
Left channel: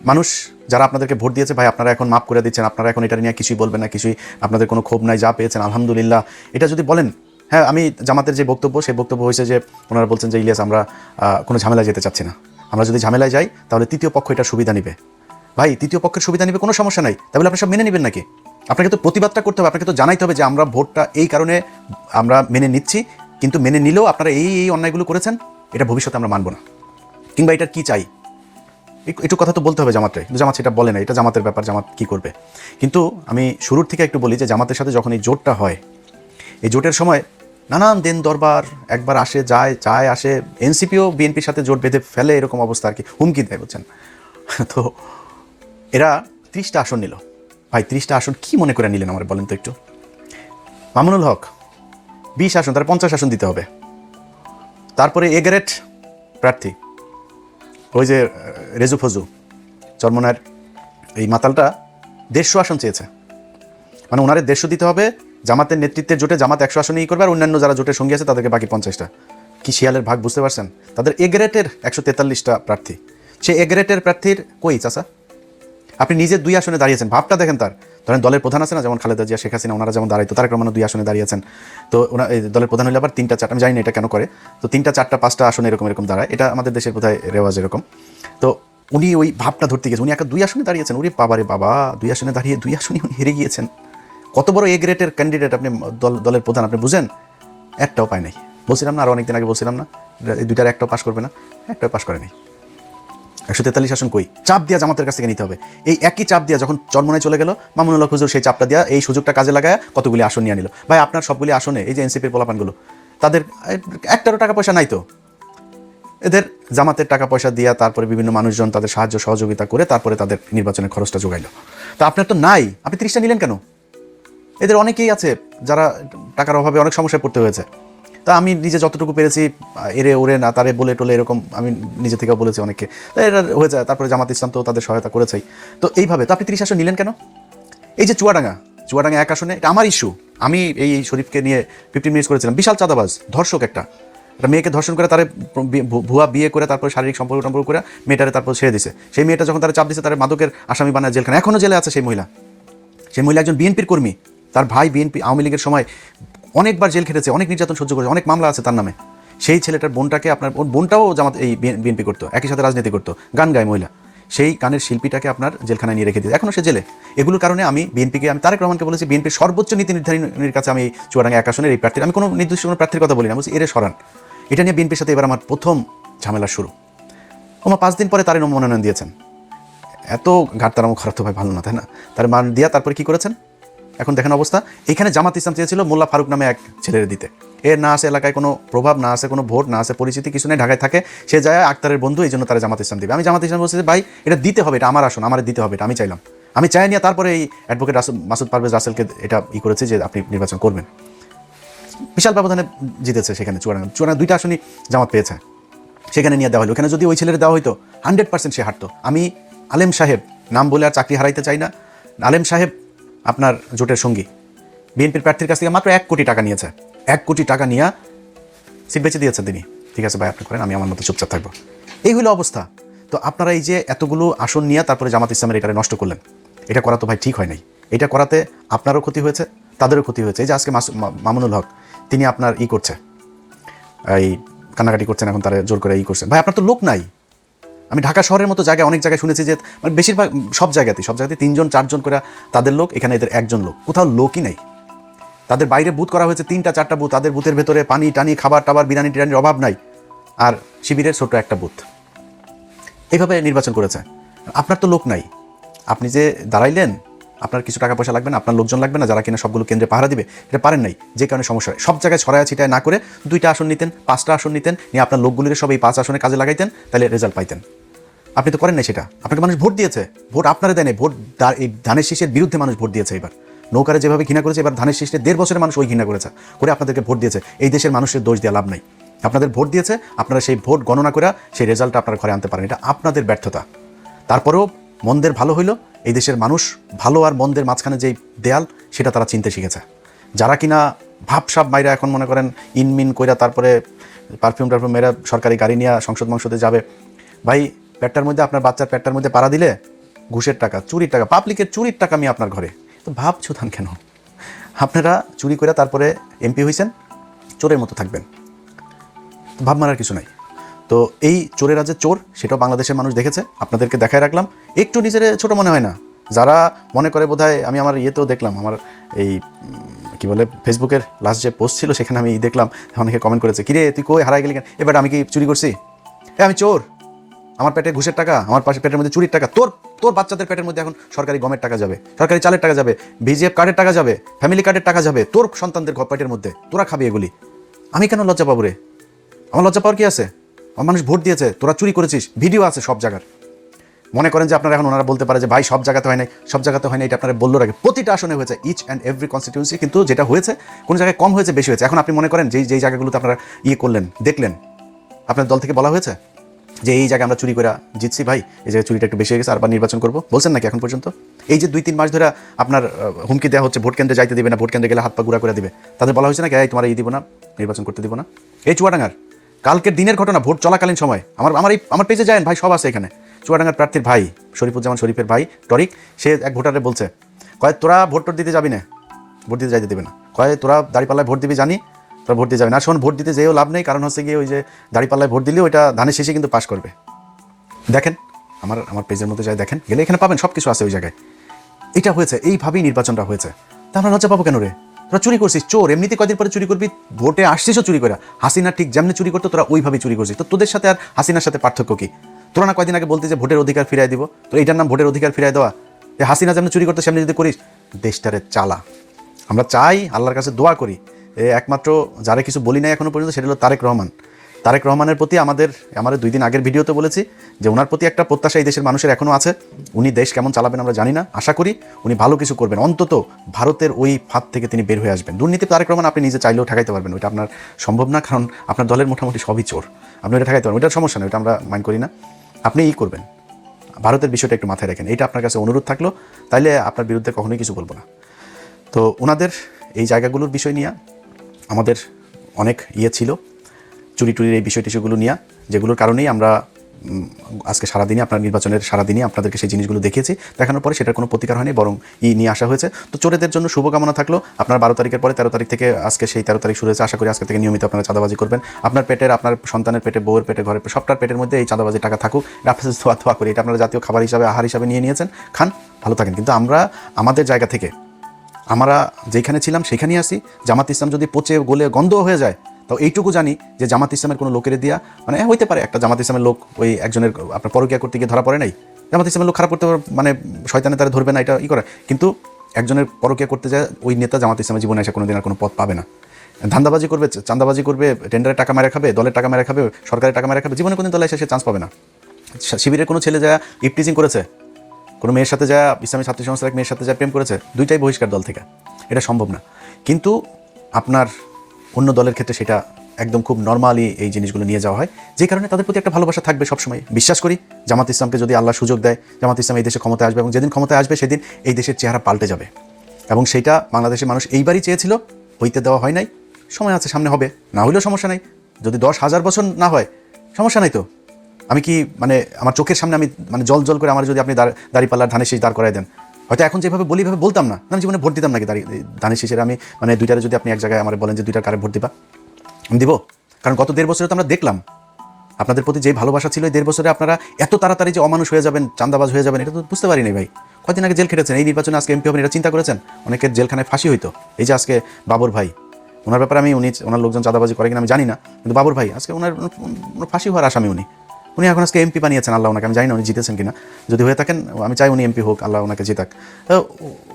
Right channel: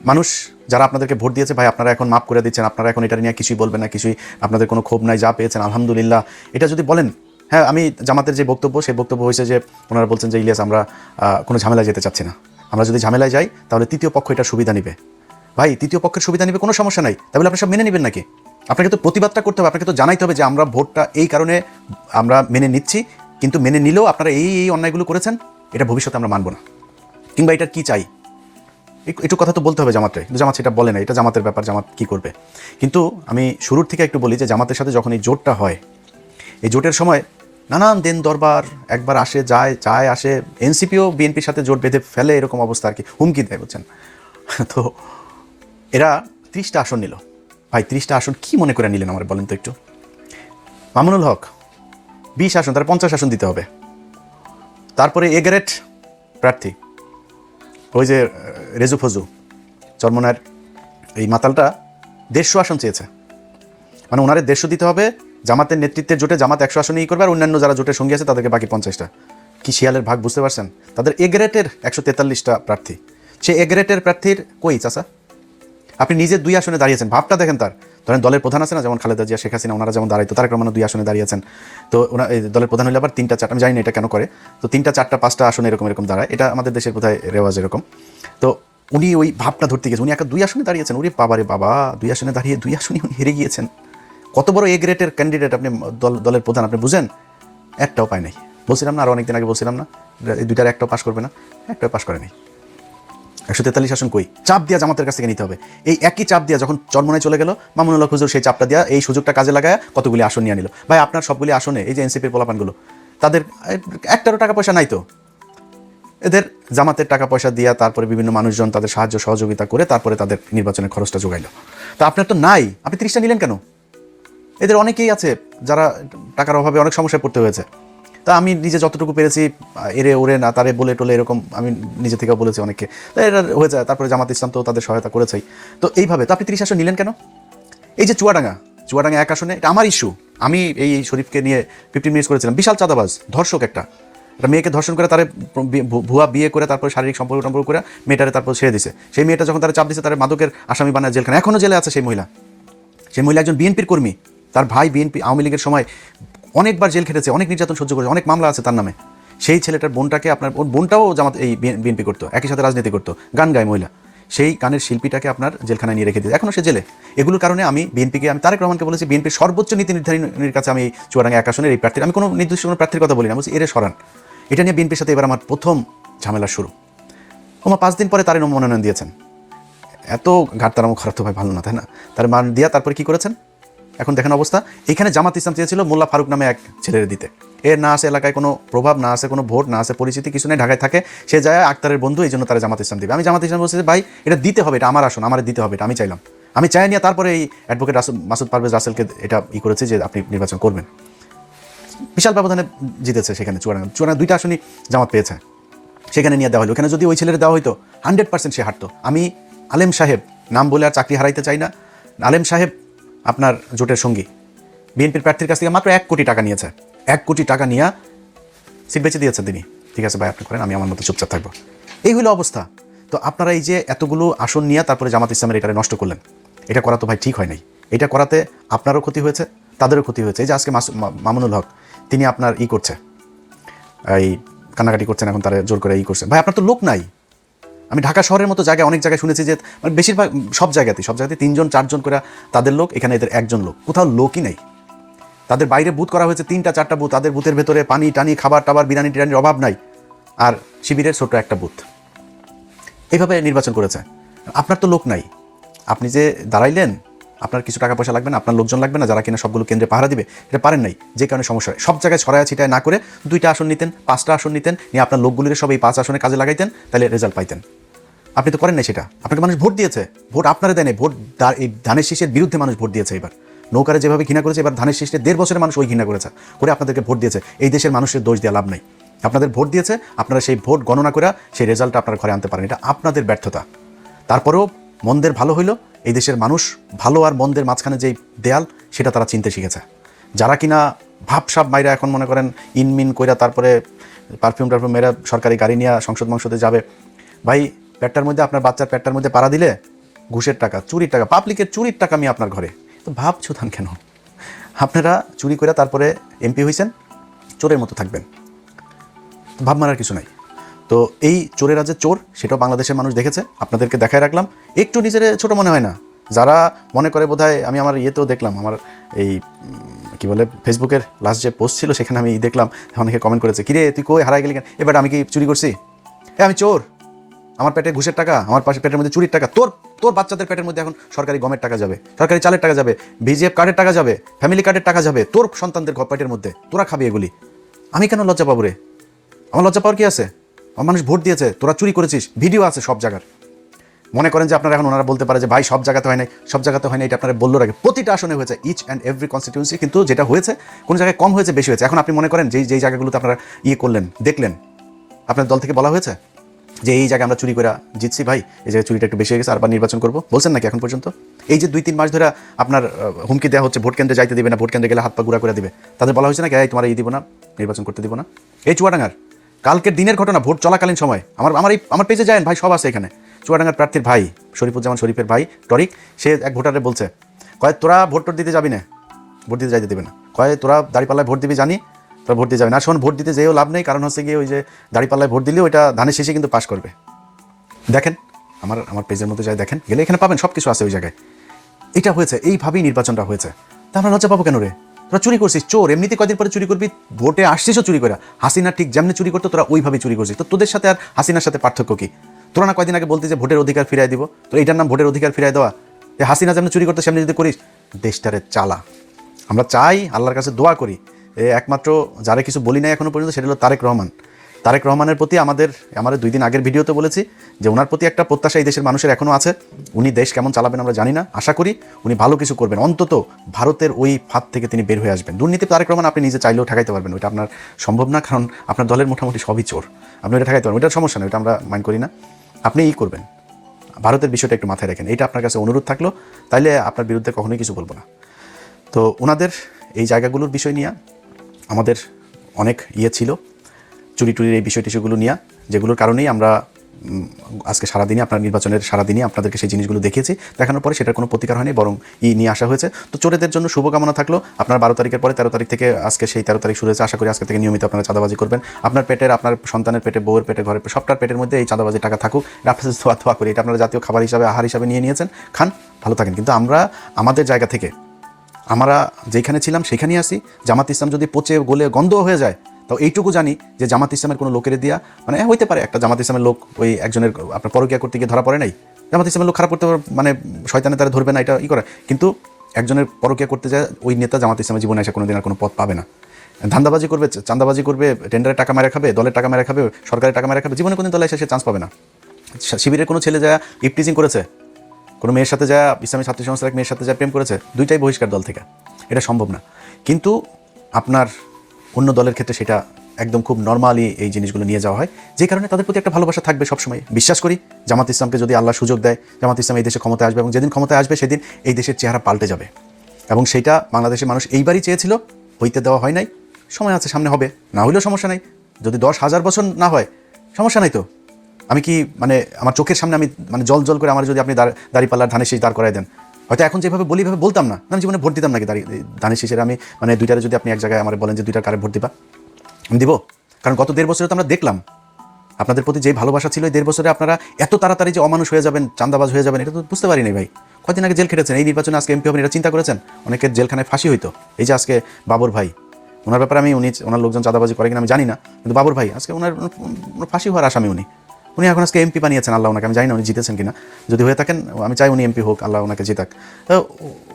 মানুষ যারা আপনাদেরকে ভোট দিয়েছে, ভাই আপনারা এখন মাফ করে দিচ্ছেন, আপনারা এখন এটা নিয়ে কিছুই বলবেন না, কিছুই আপনাদের কোনো ক্ষোভ নাই, যা পেয়েছেন আলহামদুলিল্লাহ, এটা যদি বলেন। হ্যাঁ, আমি জামাতের যে বক্তব্য, সেই বক্তব্য হয়েছে যে ওনারা বলছেন যে ইলিয়াস আমরা কোনো ঝামেলায় যেতে চাচ্ছি না, আমরা যদি ঝামেলায় যাই তাহলে তৃতীয় পক্ষ এটা সুবিধা নেবে। ভাই তৃতীয় পক্ষের সুবিধা নেবে, কোনো সমস্যা নাই, তাহলে আপনি সব মেনে নেবেন নাকি? আপনাকে তো প্রতিবাদটা করতে হবে, আপনাকে তো জানাইতে হবে যে আমরা ভোটটা এই কারণে আমরা মেনে নিচ্ছি, কিন্তু মেনে নিলেও আপনারা এই অন্যায়গুলো করেছেন, এটা ভবিষ্যতে আমরা মানব না, কিংবা এটা কি চাই একটু কথা তো বলতে হবে জামাতে। জামাত সেটা বলে না, এটা জামাতের ব্যাপার, জামাত কি করবে। কিন্তু আমি শুরুর থেকে একটু বলি যে জামাতের সাথে যখন এই জোটটা হয়, এই জোটের সময় নানান দিন দরবার একবার আসে যায় আসে, এনসিপিও বিএনপির সাথে জোট বেঁধে ফেলে, এরকম অবস্থা আর কি, হুমকি দেয়, বুঝছেন। তো এরা 30টা আসন নিল। ভাই 30টা আসন কি মনে করে নিলেন আমার বলেন তো একটু? মামুনুল হক 20 আসন, তার 50 আসন দিতে হবে। তারপরে এগ্রেট প্রার্থী ওই যে রেজু ফজু চরমনায়ের এই মাতালটা 150 আসন চেয়েছে, মানে ওনারে 150 দিতে হবে। জামাতের নেতৃত্বের জোটে জামাত 100 আসনই করবে, আর অন্যান্য যারা জোটের সঙ্গে আছে তাদেরকে বাকি 50টা। কি শিয়ালের ভাগ, বুঝতে পারছেন? তাদের এগ্রেটের 143টা প্রার্থী, সে এগ্রেটের প্রার্থীর কই চাচা? আপনি নিজে 2 আসনে দাঁড়িয়েছেন, ভাবটা দেখেন তার। ধরেন দলের প্রধান আছে না, যেমন খালেদা জিয়া, শেখ হাসিনা, ওনারা যেমন দাঁড়াইতো, তারেক রহমান 2 আসনে দাঁড়িয়েছেন। তো ওনার এই দলের প্রধান হলে আবার 3টা 4টা, আমি জানি না এটা কেন করে, তো 3টা 4টা 5টা আসনে এরকম দাঁড়ায়। এটা আমাদের দেশের কোথায় রেওয়াজ এরকম। তো উনি ওই ভাবটা ধরতে গেছেন, উনি একা 2 আসনে দাঁড়িয়েছেন। উনি বাবারে বাবা, 2 আসনে দাঁড়িয়ে 2 আসনে হেরে গিয়েছেন। কত বড় এ গ্রেডের ক্যান্ডিডেট আপনি, দলের প্রধান, আপনি বুঝেন? একটাও পায় নাই। বলছিলাম না, আরো অনেকদিন আগে বলছিলাম না, এই 2টার একটাও পাস করবে না, একটাও পাস করে নাই। 143 আসন কই? চাপ দিয়া জামাতের কাছ থেকে নিতে হবে। এই একই চাপ দিয়া যখন চরমনায় চলে গেল, মামুনুল হক হুজুর সেই চাপটা দিয়া এই সুযোগটা কাজে লাগায় কতগুলি আসন নিয়ে নিল। ভাই আপনার সবগুলি আসনে এই যে এনসিপির পোলাপানগুলো, তাদের একটারও টাকা পয়সা নাই তো, এদের জামাতের টাকা পয়সা দিয়া তারপরে বিভিন্ন মানুষজন তাদের সাহায্য সহযোগিতা করে তারপরে তাদের নির্বাচনের খরচটা যোগাইল। তো আপনার তো নাই, আপনি 30টা নিলেন কেন? এদের অনেকেই আছে যারা টাকার অভাবে অনেক সমস্যায় পড়তে হয়েছে। তা আমি নিজে যতটুকু পেরেছি, এরে ওরে না তারে বলে টোলে এরকম আমি নিজে থেকেও বলেছি অনেককে, তাই এটা হয়ে যায়। তারপরে জামাত ইসলাম তো তাদের সহায়তা করেছেই। তো এইভাবে তো আপনি 30 আসন নিলেন কেন? এই যে চুয়াডাঙ্গা 1 আসনে, এটা আমার ইস্যু। আমি এই শরীফকে নিয়ে 15 মিনিটস করেছিলাম, বিশাল চাঁদাবাজ, ধর্ষক একটা মেয়েকে ধর্ষণ করে, তারে ভুয়া বিয়ে করে, তারপরে শারীরিক সম্পর্ক করে মেয়েটারে তারপর ছেড়ে দিছে। সেই মেয়েটা যখন তারা চাপ দিছে, তার মাদকের আসামি বানায় জেলখানে, এখনো জেলে আছে সেই মহিলা। সেই মহিলা একজন বিএনপির কর্মী, তার ভাই বিএনপি আওয়ামী লীগের সময় অনেকবার জেল খেটেছে, অনেক নির্যাতন সহ্য করে, অনেক মামলা আছে তার নামে। সেই ছেলেটার বোনটাকে, আপনার বোনটাও জামাত এই বিএনপি করতো, একই সাথে রাজনীতি করতো, গান গায় মহিলা, সেই গানের শিল্পীটাকে আপনার জেলখানায় নিয়ে রেখে দিয়েছে, এখনো সে জেলে। এগুলোর কারণে আমি তারেক রহমানকে বলেছি, বিএনপির সর্বোচ্চ নীতি নির্ধারণীর কাছে আমি চুয়াডাঙ্গা 1 আসনের এই প্রার্থীর, আমি কোনো নির্দিষ্ট কোনো প্রার্থীর কথা বলি না, বলছি এরে সরান। এটা নিয়ে বিএনপির সাথে এবার আমার প্রথম ঝামেলার শুরু। 5 দিন পরে তার মনোনয়ন দিয়েছেন। এত ঘাটতারাম খারাপ তো ভালো না, তাই না? তার মান দিয়া তারপরে কি করেছেন এখন দেখেন অবস্থা। এখানে জামাত ইসলাম চেয়েছিল মোল্লা ফারুক নামে এক ছেলের দিতে, এর না আছে এলাকায় কোনো প্রভাব, না আছে কোনো ভোট, না আছে পরিচিতি, কিছু নেই, ঢাকায় থাকে, সে যায় আক্তারের বন্ধু, এই জন্য তারা জামাত ইসলাম দিবে। আমি জামাত ইসলাম বলছি যে ভাই এটা দিতে হবে, এটা আমার আসন, আমার দিতে হবে, এটা আমি চাইলাম, আমি চাই নিয়ে তারপরে এই অ্যাডভোকেট মাসুদ পারভেজ রাসেলকে এটা করেছে যে আপনি নির্বাচন করবেন। বিশাল ব্যবধানে জিতেছে সেখানে চুয়াডাঙ্গা 2টা আসনই জামাত পেয়েছে, সেখানে নিয়ে দেওয়া হলো। ওখানে যদি ওই ছেলের দেওয়া হইতো 100% সে হারতো। আমি আলেম সাহেব নাম বলে আর চাকরি হারাইতে চাই না, আলেম সাহেব আপনার জোটের সঙ্গী বিএনপির প্রার্থীর কাছ থেকে মাত্র 1 কোটি টাকা নিয়েছে, 1 কোটি টাকা নিয়ে সিট বেঁচে দিয়েছে তিনি। ঠিক আছে ভাই, আপনি করেন, আমি আমার মতো চুপচাপ থাকবো। এইগুলো অবস্থা। তো আপনারা এই যে এতগুলো আসন নিয়ে তারপরে জামাত ইসলামের এটা নষ্ট করলেন, এটা করা তো ভাই ঠিক হয় নাই। এটা করাতে আপনারও ক্ষতি হয়েছে, তাদেরও ক্ষতি হয়েছে। এই যে আজকে মামুনুল হক তিনি আপনার করছে, এই কান্নাকাটি করছেন, এখন তারা জোর করে করছেন। ভাই আপনার তো লোক নাই। আমি ঢাকা শহরের মতো জায়গায় অনেক জায়গায় শুনেছি যে বেশিরভাগ সব জায়গাতে 3জন 4জন করে তাদের লোক, এখানে এদের 1জন লোক, কোথাও লোকই নাই। তাদের বাইরে বুথ করা হয়েছে 3টা 4টা বুথ, তাদের বুথের ভেতরে পানি টানি খাবার টাবার বিরিয়ানি টিরানির অভাব নাই, আর শিবিরের ছোট একটা বুথ। এইভাবে নির্বাচন করেছে। আপনার তো লোক নাই, আপনি যে দাঁড়াইলেন আপনার কিছু টাকা পয়সা লাগবে না, আপনার লোকজন লাগবে না, যারা কিনা সবগুলো কেন্দ্রে পাহারা দিবে, এটা পারেন নাই, যে কারণে সমস্যা। সব জায়গায় ছড়ায় ছিটায় না করে 2টা আসন নিতেন, 5টা আসন নিতেন, নিয়ে আপনার লোকগুলোকে সব এই 5 আসনে কাজে লাগাইতেন, তাহলে রেজাল্ট পাইতেন। আপনি তো করেন না সেটা। আপনাকে মানুষ ভোট দিয়েছে, ভোট আপনারা দেয় নাই, ভোট এই ধানের শীষের বিরুদ্ধে মানুষ ভোট দিয়েছে। এবার নৌকারে যেভাবে ঘৃণা করেছে, এবার ধানের শীষকে 1.5 বছরের মানুষ ওই ঘৃণা করেছে, করে আপনাদেরকে ভোট দিয়েছে। এই দেশের মানুষের দোষ দেওয়া লাভ নাই, আপনাদের ভোট দিয়েছে, আপনারা সেই ভোট গণনা করে সেই রেজাল্টটা আপনার ঘরে আনতে পারেন, এটা আপনাদের ব্যর্থতা। তারপরেও মন্দের ভালো হইলো, এই দেশের মানুষ ভালো আর মন্দের মাঝখানে যেই দেয়াল, সেটা তারা চিনতে শিখেছে। যারা কিনা ভাবসাব বাইরে এখন মনে করেন ইনমিন কইরা তারপরে পারফিউম টারফিউম মেরা সরকারি গাড়ি নিয়ে সংসদে যাবে, ভাই পেটটার মধ্যে, আপনার বাচ্চার পেটটার মধ্যে পাড়া দিলে ঘুষের টাকা, চুরির টাকা, পাবলিকের চুরির টাকা আমি আপনার ঘরে, তো ভাব ছুতান কেন? আপনারা চুরি করে তারপরে এমপি হয়েছেন, চোরের মতো থাকবেন, ভাব মারার কিছু নাই। তো এই চোরেরা যে চোর, সেটাও বাংলাদেশের মানুষ দেখেছে, আপনাদেরকে দেখায় রাখলাম। একটু নিজের ছোট মনে হয় না? যারা মনে করে বোধহয়, আমি আমার ইয়েতেও দেখলাম, আমার এই কি বলে ফেসবুকের লাস্ট যে পোস্ট ছিল, সেখানে আমি দেখলাম অনেকে কমেন্ট করেছে, কিরে তুই কই হারাই গেলি, এবার আমি কি চুরি করছি? আমি চোর, আমার পেটে ঘুষের টাকা, আমার পাশে পেটের মধ্যে চুরির টাকা, তোর বাচ্চাদের পেটের মধ্যে এখন সরকারি গমের টাকা যাবে, সরকারি চালের টাকা যাবে, বিজিএফ কার্ডের টাকা যাবে, ফ্যামিলি কার্ডের টাকা যাবে, তোর সন্তানদের পেটের মধ্যে, তোরা খাবি এগুলি। আমি কেন লজ্জা পাবো রে? আমার লজ্জা পাওয়ার কি আছে? আমার মানুষ ভোট দিয়েছে, তোরা চুরি করেছিস, ভিডিও আছে সব জায়গার। মনে করেন যে আপনারা এখন ওনারা বলতে পারে যে ভাই সব জায়গাতে হয় নাই, সব জায়গাতে হয় না, এটা আপনারা বললো আগে, প্রতিটা আসনে হয়েছে, ইচ অ্যান্ড এভরি কনস্টিটিউন্সি, কিন্তু যেটা হয়েছে কোনো জায়গায় কম হয়েছে, বেশি হয়েছে। এখন আপনি মনে করেন যেই জায়গাগুলোতে আপনারা করলেন, দেখলেন, আপনার দল থেকে বলা হয়েছে যে এই জায়গায় আমরা চুরি করে জিতছি, ভাই এই জায়গায় চুরিটা একটু বেশি হয়ে গেছে, আরবার নির্বাচন করবো, বলছেন নাকি এখন পর্যন্ত? এই যে 2-3 মাস ধরে আপনার হুমকি দেওয়া হচ্ছে, ভোট কেন্দ্রে যাইতে দিবে না, ভোট কেন্দ্রে গেলে হাত পা গুঁড়া করে দিবে, তাদের বলা হয়েছে নাকি এই তোমার এই দিব না, নির্বাচন করতে দেবো না? এই চুয়াডাঙ্গার কালকের দিনের ঘটনা, ভোট চলাকালীন সময়, আমার পেজে যায়েন ভাই, সব আছে এখানে। চুয়াডাঙ্গার প্রার্থীর ভাই শরীফুজ্জামান শরীফের ভাই তরিক, সে এক ভোটারে বলছে, তাই তোরা ভোট দিতে যাবি না, ভোট দিতে যাইতে দেবে না, তাই তোরা দাঁড়িপাল্লায় ভোট দিবি জানি, তোরা ভোট দিয়ে যাবে না। শোন, ভোট দিতে যেও লাভ নেই, কারণ হচ্ছে গিয়ে ওই যে দাঁড়িপাল্লায় ভোট দিলে ওইটা ধানের শেষে কিন্তু পাস করবে। দেখেন আমার পেজের মধ্যে যাই দেখেন, গেলে এখানে পাবেন, সব কিছু আছে ওই জায়গায়। এটা হয়েছে, এইভাবেই নির্বাচনটা হয়েছে। তা আমরা লজ্জা পাবো কেন রে? তোরা চুরি করছিস, চোর, এমনিতে কদিন পরে চুরি করবি, ভোটে আসছিসও চুরি করা। হাসিনা ঠিক যেমনি চুরি করতো, তোরা ওইভাবেই চুরি করছিস। তো তোদের সাথে আর হাসিনার সাথে পার্থক্য কি? তোরা না কয়দিন আগে বলতে যে ভোটের অধিকার ফিরাই দিব, তো এইটার নাম ভোটের অধিকার ফিরাই দেওয়া? হাসিনা যেমনি চুরি করতে সেমনি যদি করিস, দেশটারে চালা। আমরা চাই, আল্লাহর কাছে দোয়া করি, একমাত্র যারা কিছু বলি নাই এখনো পর্যন্ত, সেটা হলো তারেক রহমান। তারেক রহমানের প্রতি আমরা 2 দিন আগের ভিডিওতে বলেছি যে ওনার প্রতি একটা প্রত্যাশা এই দেশের মানুষের এখনও আছে। উনি দেশ কেমন চালাবেন আমরা জানি না, আশা করি উনি ভালো কিছু করবেন, অন্তত ভারতের ওই ফাঁদ থেকে তিনি বের হয়ে আসবেন। দুর্নীতি তারেক রহমান আপনি নিজে চাইলেও ঠেকাইতে পারবেন, ওইটা আপনার সম্ভব না, কারণ আপনার দলের মোটামুটি সবই চোর, আপনি এটা ঠেকাইতে পারবেন, ওইটা সমস্যা নেই, ওইটা আমরা মাইন্ড করি না। আপনি করবেন, ভারতের বিষয়টা একটু মাথায় রাখেন, এটা আপনার কাছে অনুরোধ থাকলো, তাইলে আপনার বিরুদ্ধে কখনোই কিছু বলবো না। তো ওনাদের এই জায়গাগুলোর বিষয় নিয়ে আমাদের অনেক ছিল, চুরি টুরির এই বিষয় টিস্যুগুলো নিয়ে, যেগুলোর কারণেই আমরা আজকে সারাদিনে, আপনার নির্বাচনের সারাদিনে আপনাদেরকে সেই জিনিসগুলো দেখিয়েছি। দেখানোর পরে সেটার কোনো প্রতিকার হয়নি, বরং নিয়ে আসা হয়েছে। তো চোরেদের জন্য শুভকামনা থাকলো। আপনার 12 তারিখের পরে 13 তারিখ থেকে, আজকে সেই 13 তারিখ শুনেছে, আশা করি আজকে থেকে নিয়মিত আপনারা চাঁদাবাজি করবেন। আপনার পেটের, আপনার সন্তানের পেটে, বউয়ের পেটে, ঘরের সবটার পেটের মধ্যে এই চাঁদাবাজির টাকা থাকুক, আপনার থোয়া করি, এটা আপনারা জাতীয় খাবার হিসাবে, আহার হিসাবে নিয়েছেন, খান, ভালো থাকেন। কিন্তু আমরা আমাদের জায়গা থেকে, আমরা যেখানে ছিলাম সেখানেই আসি। জামাত ইসলাম যদি পচে গলে গন্ধ হয়ে যায়, তো এইটুকু জানি যে জামাত ইসলামের কোনো লোকের দিয়া, মানে হইতে পারে একটা জামাত ইসলামের লোক ওই একজনের আপনার পরকিয়া করতে গিয়ে ধরা পড়ে নাই, জামাত ইসলামের লোক খারাপ করতে মানে শয়তানে তারা ধরবে না, এটা করে, কিন্তু একজনের পরকিয়া করতে যায় ওই নেতা জামাত ইসলামের জীবনে আসা কোনোদিন আর কোনো পথ পাবে না। ধান্দাবাজি করবে, চাঁদাবাজি করবে, টেন্ডারের টাকা মেরে খাবে, দলের টাকা মেরে খাবে, সরকারের টাকা মেরে খাবে, জীবনে কোনো দলে এসে সে চান্স পাবে না। শিবিরের কোনো ছেলে যায় ইপটিজিং করেছে, কোনো মেয়ের সাথে যায়, ইসলামী ছাত্র সংস্থার এক মেয়ের সাথে যায় প্রেম করেছে, দুইটাই বহিষ্কার দল থেকে, এটা সম্ভব না। কিন্তু আপনার অন্য দলের ক্ষেত্রে সেটা একদম খুব নর্মালি এই জিনিসগুলো নিয়ে যাওয়া হয়, যে কারণে তাদের প্রতি একটা ভালোবাসা থাকবে সবসময়। বিশ্বাস করি জামাত ইসলামকে যদি আল্লাহ সুযোগ দেয়, জামাত ইসলাম এই দেশে ক্ষমতায় আসবে, এবং যেদিন ক্ষমতায় আসবে সেদিন এই দেশের চেহারা পাল্টে যাবে, এবং সেটা বাংলাদেশের মানুষ এইবারই চেয়েছিল, হইতে দেওয়া হয় নাই। সময় আছে, সামনে হবে, না হলেও সমস্যা নাই। যদি 10,000 বছর না হয় সমস্যা নাই। তো আমি কি মানে আমার চোখের সামনে আমি মানে জল জল করে আমার যদি আপনি দাঁড়িপাল্লার ধারে শেষ দাঁড় করে দিন, এটা এখন যে বলি না বলতাম, আমি জীবনে ভোট দিতাম নাকি দাঁড়িয়ে শেষে আমি মানে দুইটা যদি আপনি এক জায়গায় আমার বলেন যে 2টা কারা ভোট দিবা, আমি দেবো। কারণ গত 1.5 বছরে তো আমরা দেখলাম আপনাদের প্রতি যেই ভালোবাসা ছিল, এই 1.5 বছরে আপনারা এত তাড়াতাড়ি যে অমানুষ হয়ে যাবেন, চাঁদাবাজ হয়ে যাবেন, এটা তো বুঝতে পারিনি ভাই। কদিন আগে জেল খেটেছেন, এই নির্বাচনে আজকে এমপি হবেন, এটা চিন্তা করেছেন? অনেকের জেলখানায় ফাঁসি হইতো। এই যে আজকে বাবর ভাই, ওনার ব্যাপারে ওনার লোকজন চাঁদাবাজি করে কিনা আমি জানি না, কিন্তু বাবর ভাই আজকে ওনার ফাঁসি হওয়ার আশা নেই। উনি এখন আজকে এমপি বানিয়েছেন, আল্লাহ ওনাকে, আমি জানি না উনি জিতেছেন কিনা, যদি হয়ে থাকেন আমি চাই উনি এমপি হোক, আল্লাহ ওনাকে জিতাক।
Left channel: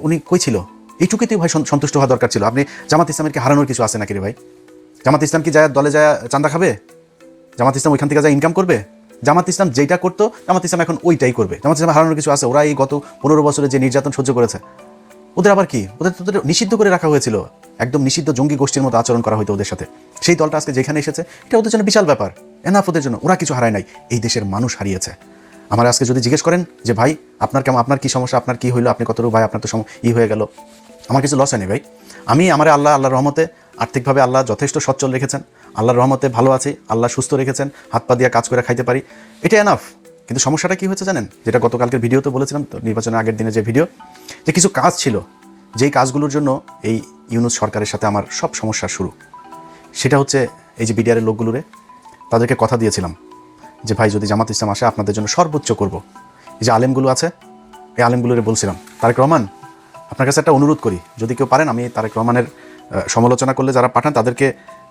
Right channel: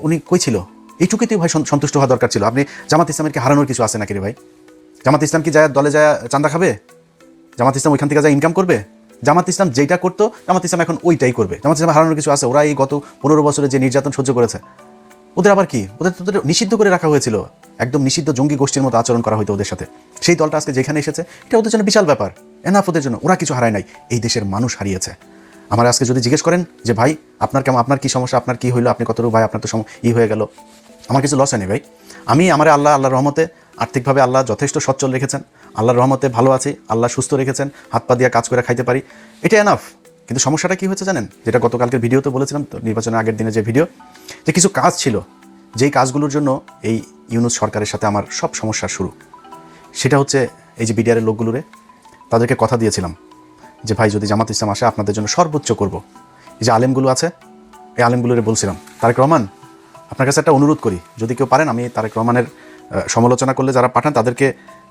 উনি কই ছিল? এইটুকুতে ভাই সন্তুষ্ট হওয়া দরকার ছিল। আপনি জামাত ইসলামের কি হারানোর কিছু আছে নাকি রে ভাই? জামাত ইসলাম কি যায় দলে যায় চাঁদা খাবে? জামাত ইসলাম ওইখান থেকে যা ইনকাম করবে? জামাত ইসলাম যেটা করতো জামাত ইসলাম এখন ওইটাই করবে। জামাত ইসলাম হারানোর কিছু আছে? ওরা এই গত 15 বছরে যে নির্যাতন সহ্য করেছে, ওদের আবার কি, ওদের নিষিদ্ধ করে রাখা হয়েছিল, একদম নিষিদ্ধ জঙ্গি গোষ্ঠীর মতো আচরণ করা হতো ওদের সাথে। সেই দলটা আজকে যেখানে এসেছে এটা ওদের জন্য বিশাল ব্যাপার। এনাফ ওদের জন্য, ওরা কিছু হারায় নাই, এই দেশের মানুষ হারিয়েছে। আমার আজকে যদি জিজ্ঞেস করেন যে ভাই আপনার কেমন, আপনার কি সমস্যা, আপনার কি হইলো, আপনি কতটুকু ভাই আপনার তো হয়ে গেল, আমার কিছু লস হয়নি ভাই। আমি আল্লাহর রহমতে আর্থিকভাবে আল্লাহ যথেষ্ট সচ্ছল রেখেছেন, আল্লাহর রহমতে ভালো আছি, আল্লাহ সুস্থ রেখেছেন, হাত পা দিয়ে কাজ করে খাইতে পারি, এটা এনাফ। কিন্তু সমস্যাটা কি হচ্ছে জানেন, যেটা গতকালকে ভিডিওতে বলেছিলাম, নির্বাচনের আগের দিনে যে ভিডিও, যে কিছু কাজ ছিল যেই কাজগুলোর জন্য এই ইউনূস সরকারের সাথে আমার সব সমস্যার শুরু, সেটা হচ্ছে এই যে বিডিআরের লোকগুলোরে তাদেরকে কথা দিয়েছিলাম যে ভাই যদি জামাত ইসলাম আসে আপনাদের জন্য সর্বোচ্চ করব। এই যে আলেমগুলো আছে, এই আলেমগুলোরে বলছিলাম তারেক রহমান আপনার কাছে একটা অনুরোধ করি, যদি কেউ পারেন, আমি তারেক রহমানের সমালোচনা করলে যারা পাঠান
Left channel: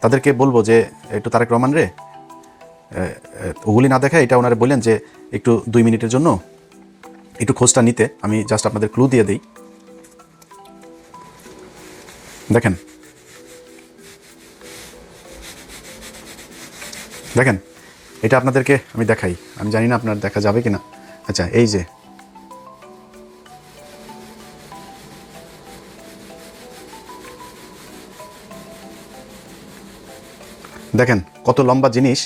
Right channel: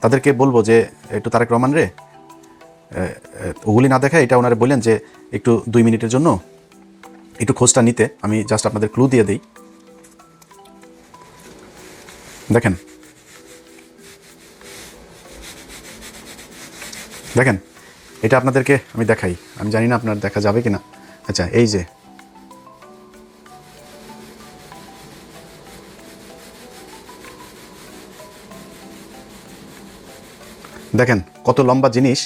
তাদেরকে বলবো যে একটু তারেক রহমান রে ওগুলি না দেখায় এটা ওনারা বললেন যে একটু 2 মিনিটের জন্য একটু খোঁজটা নিতে। আমি জাস্ট আপনাদের ক্লু দিয়ে দিই, দেখেন দেখেন এটা আপনাদেরকে আমি দেখাই, আমি জানি না আপনার দেখা যাবে কিনা। আচ্ছা এই যে দেখেন কত লম্বা জিনিস,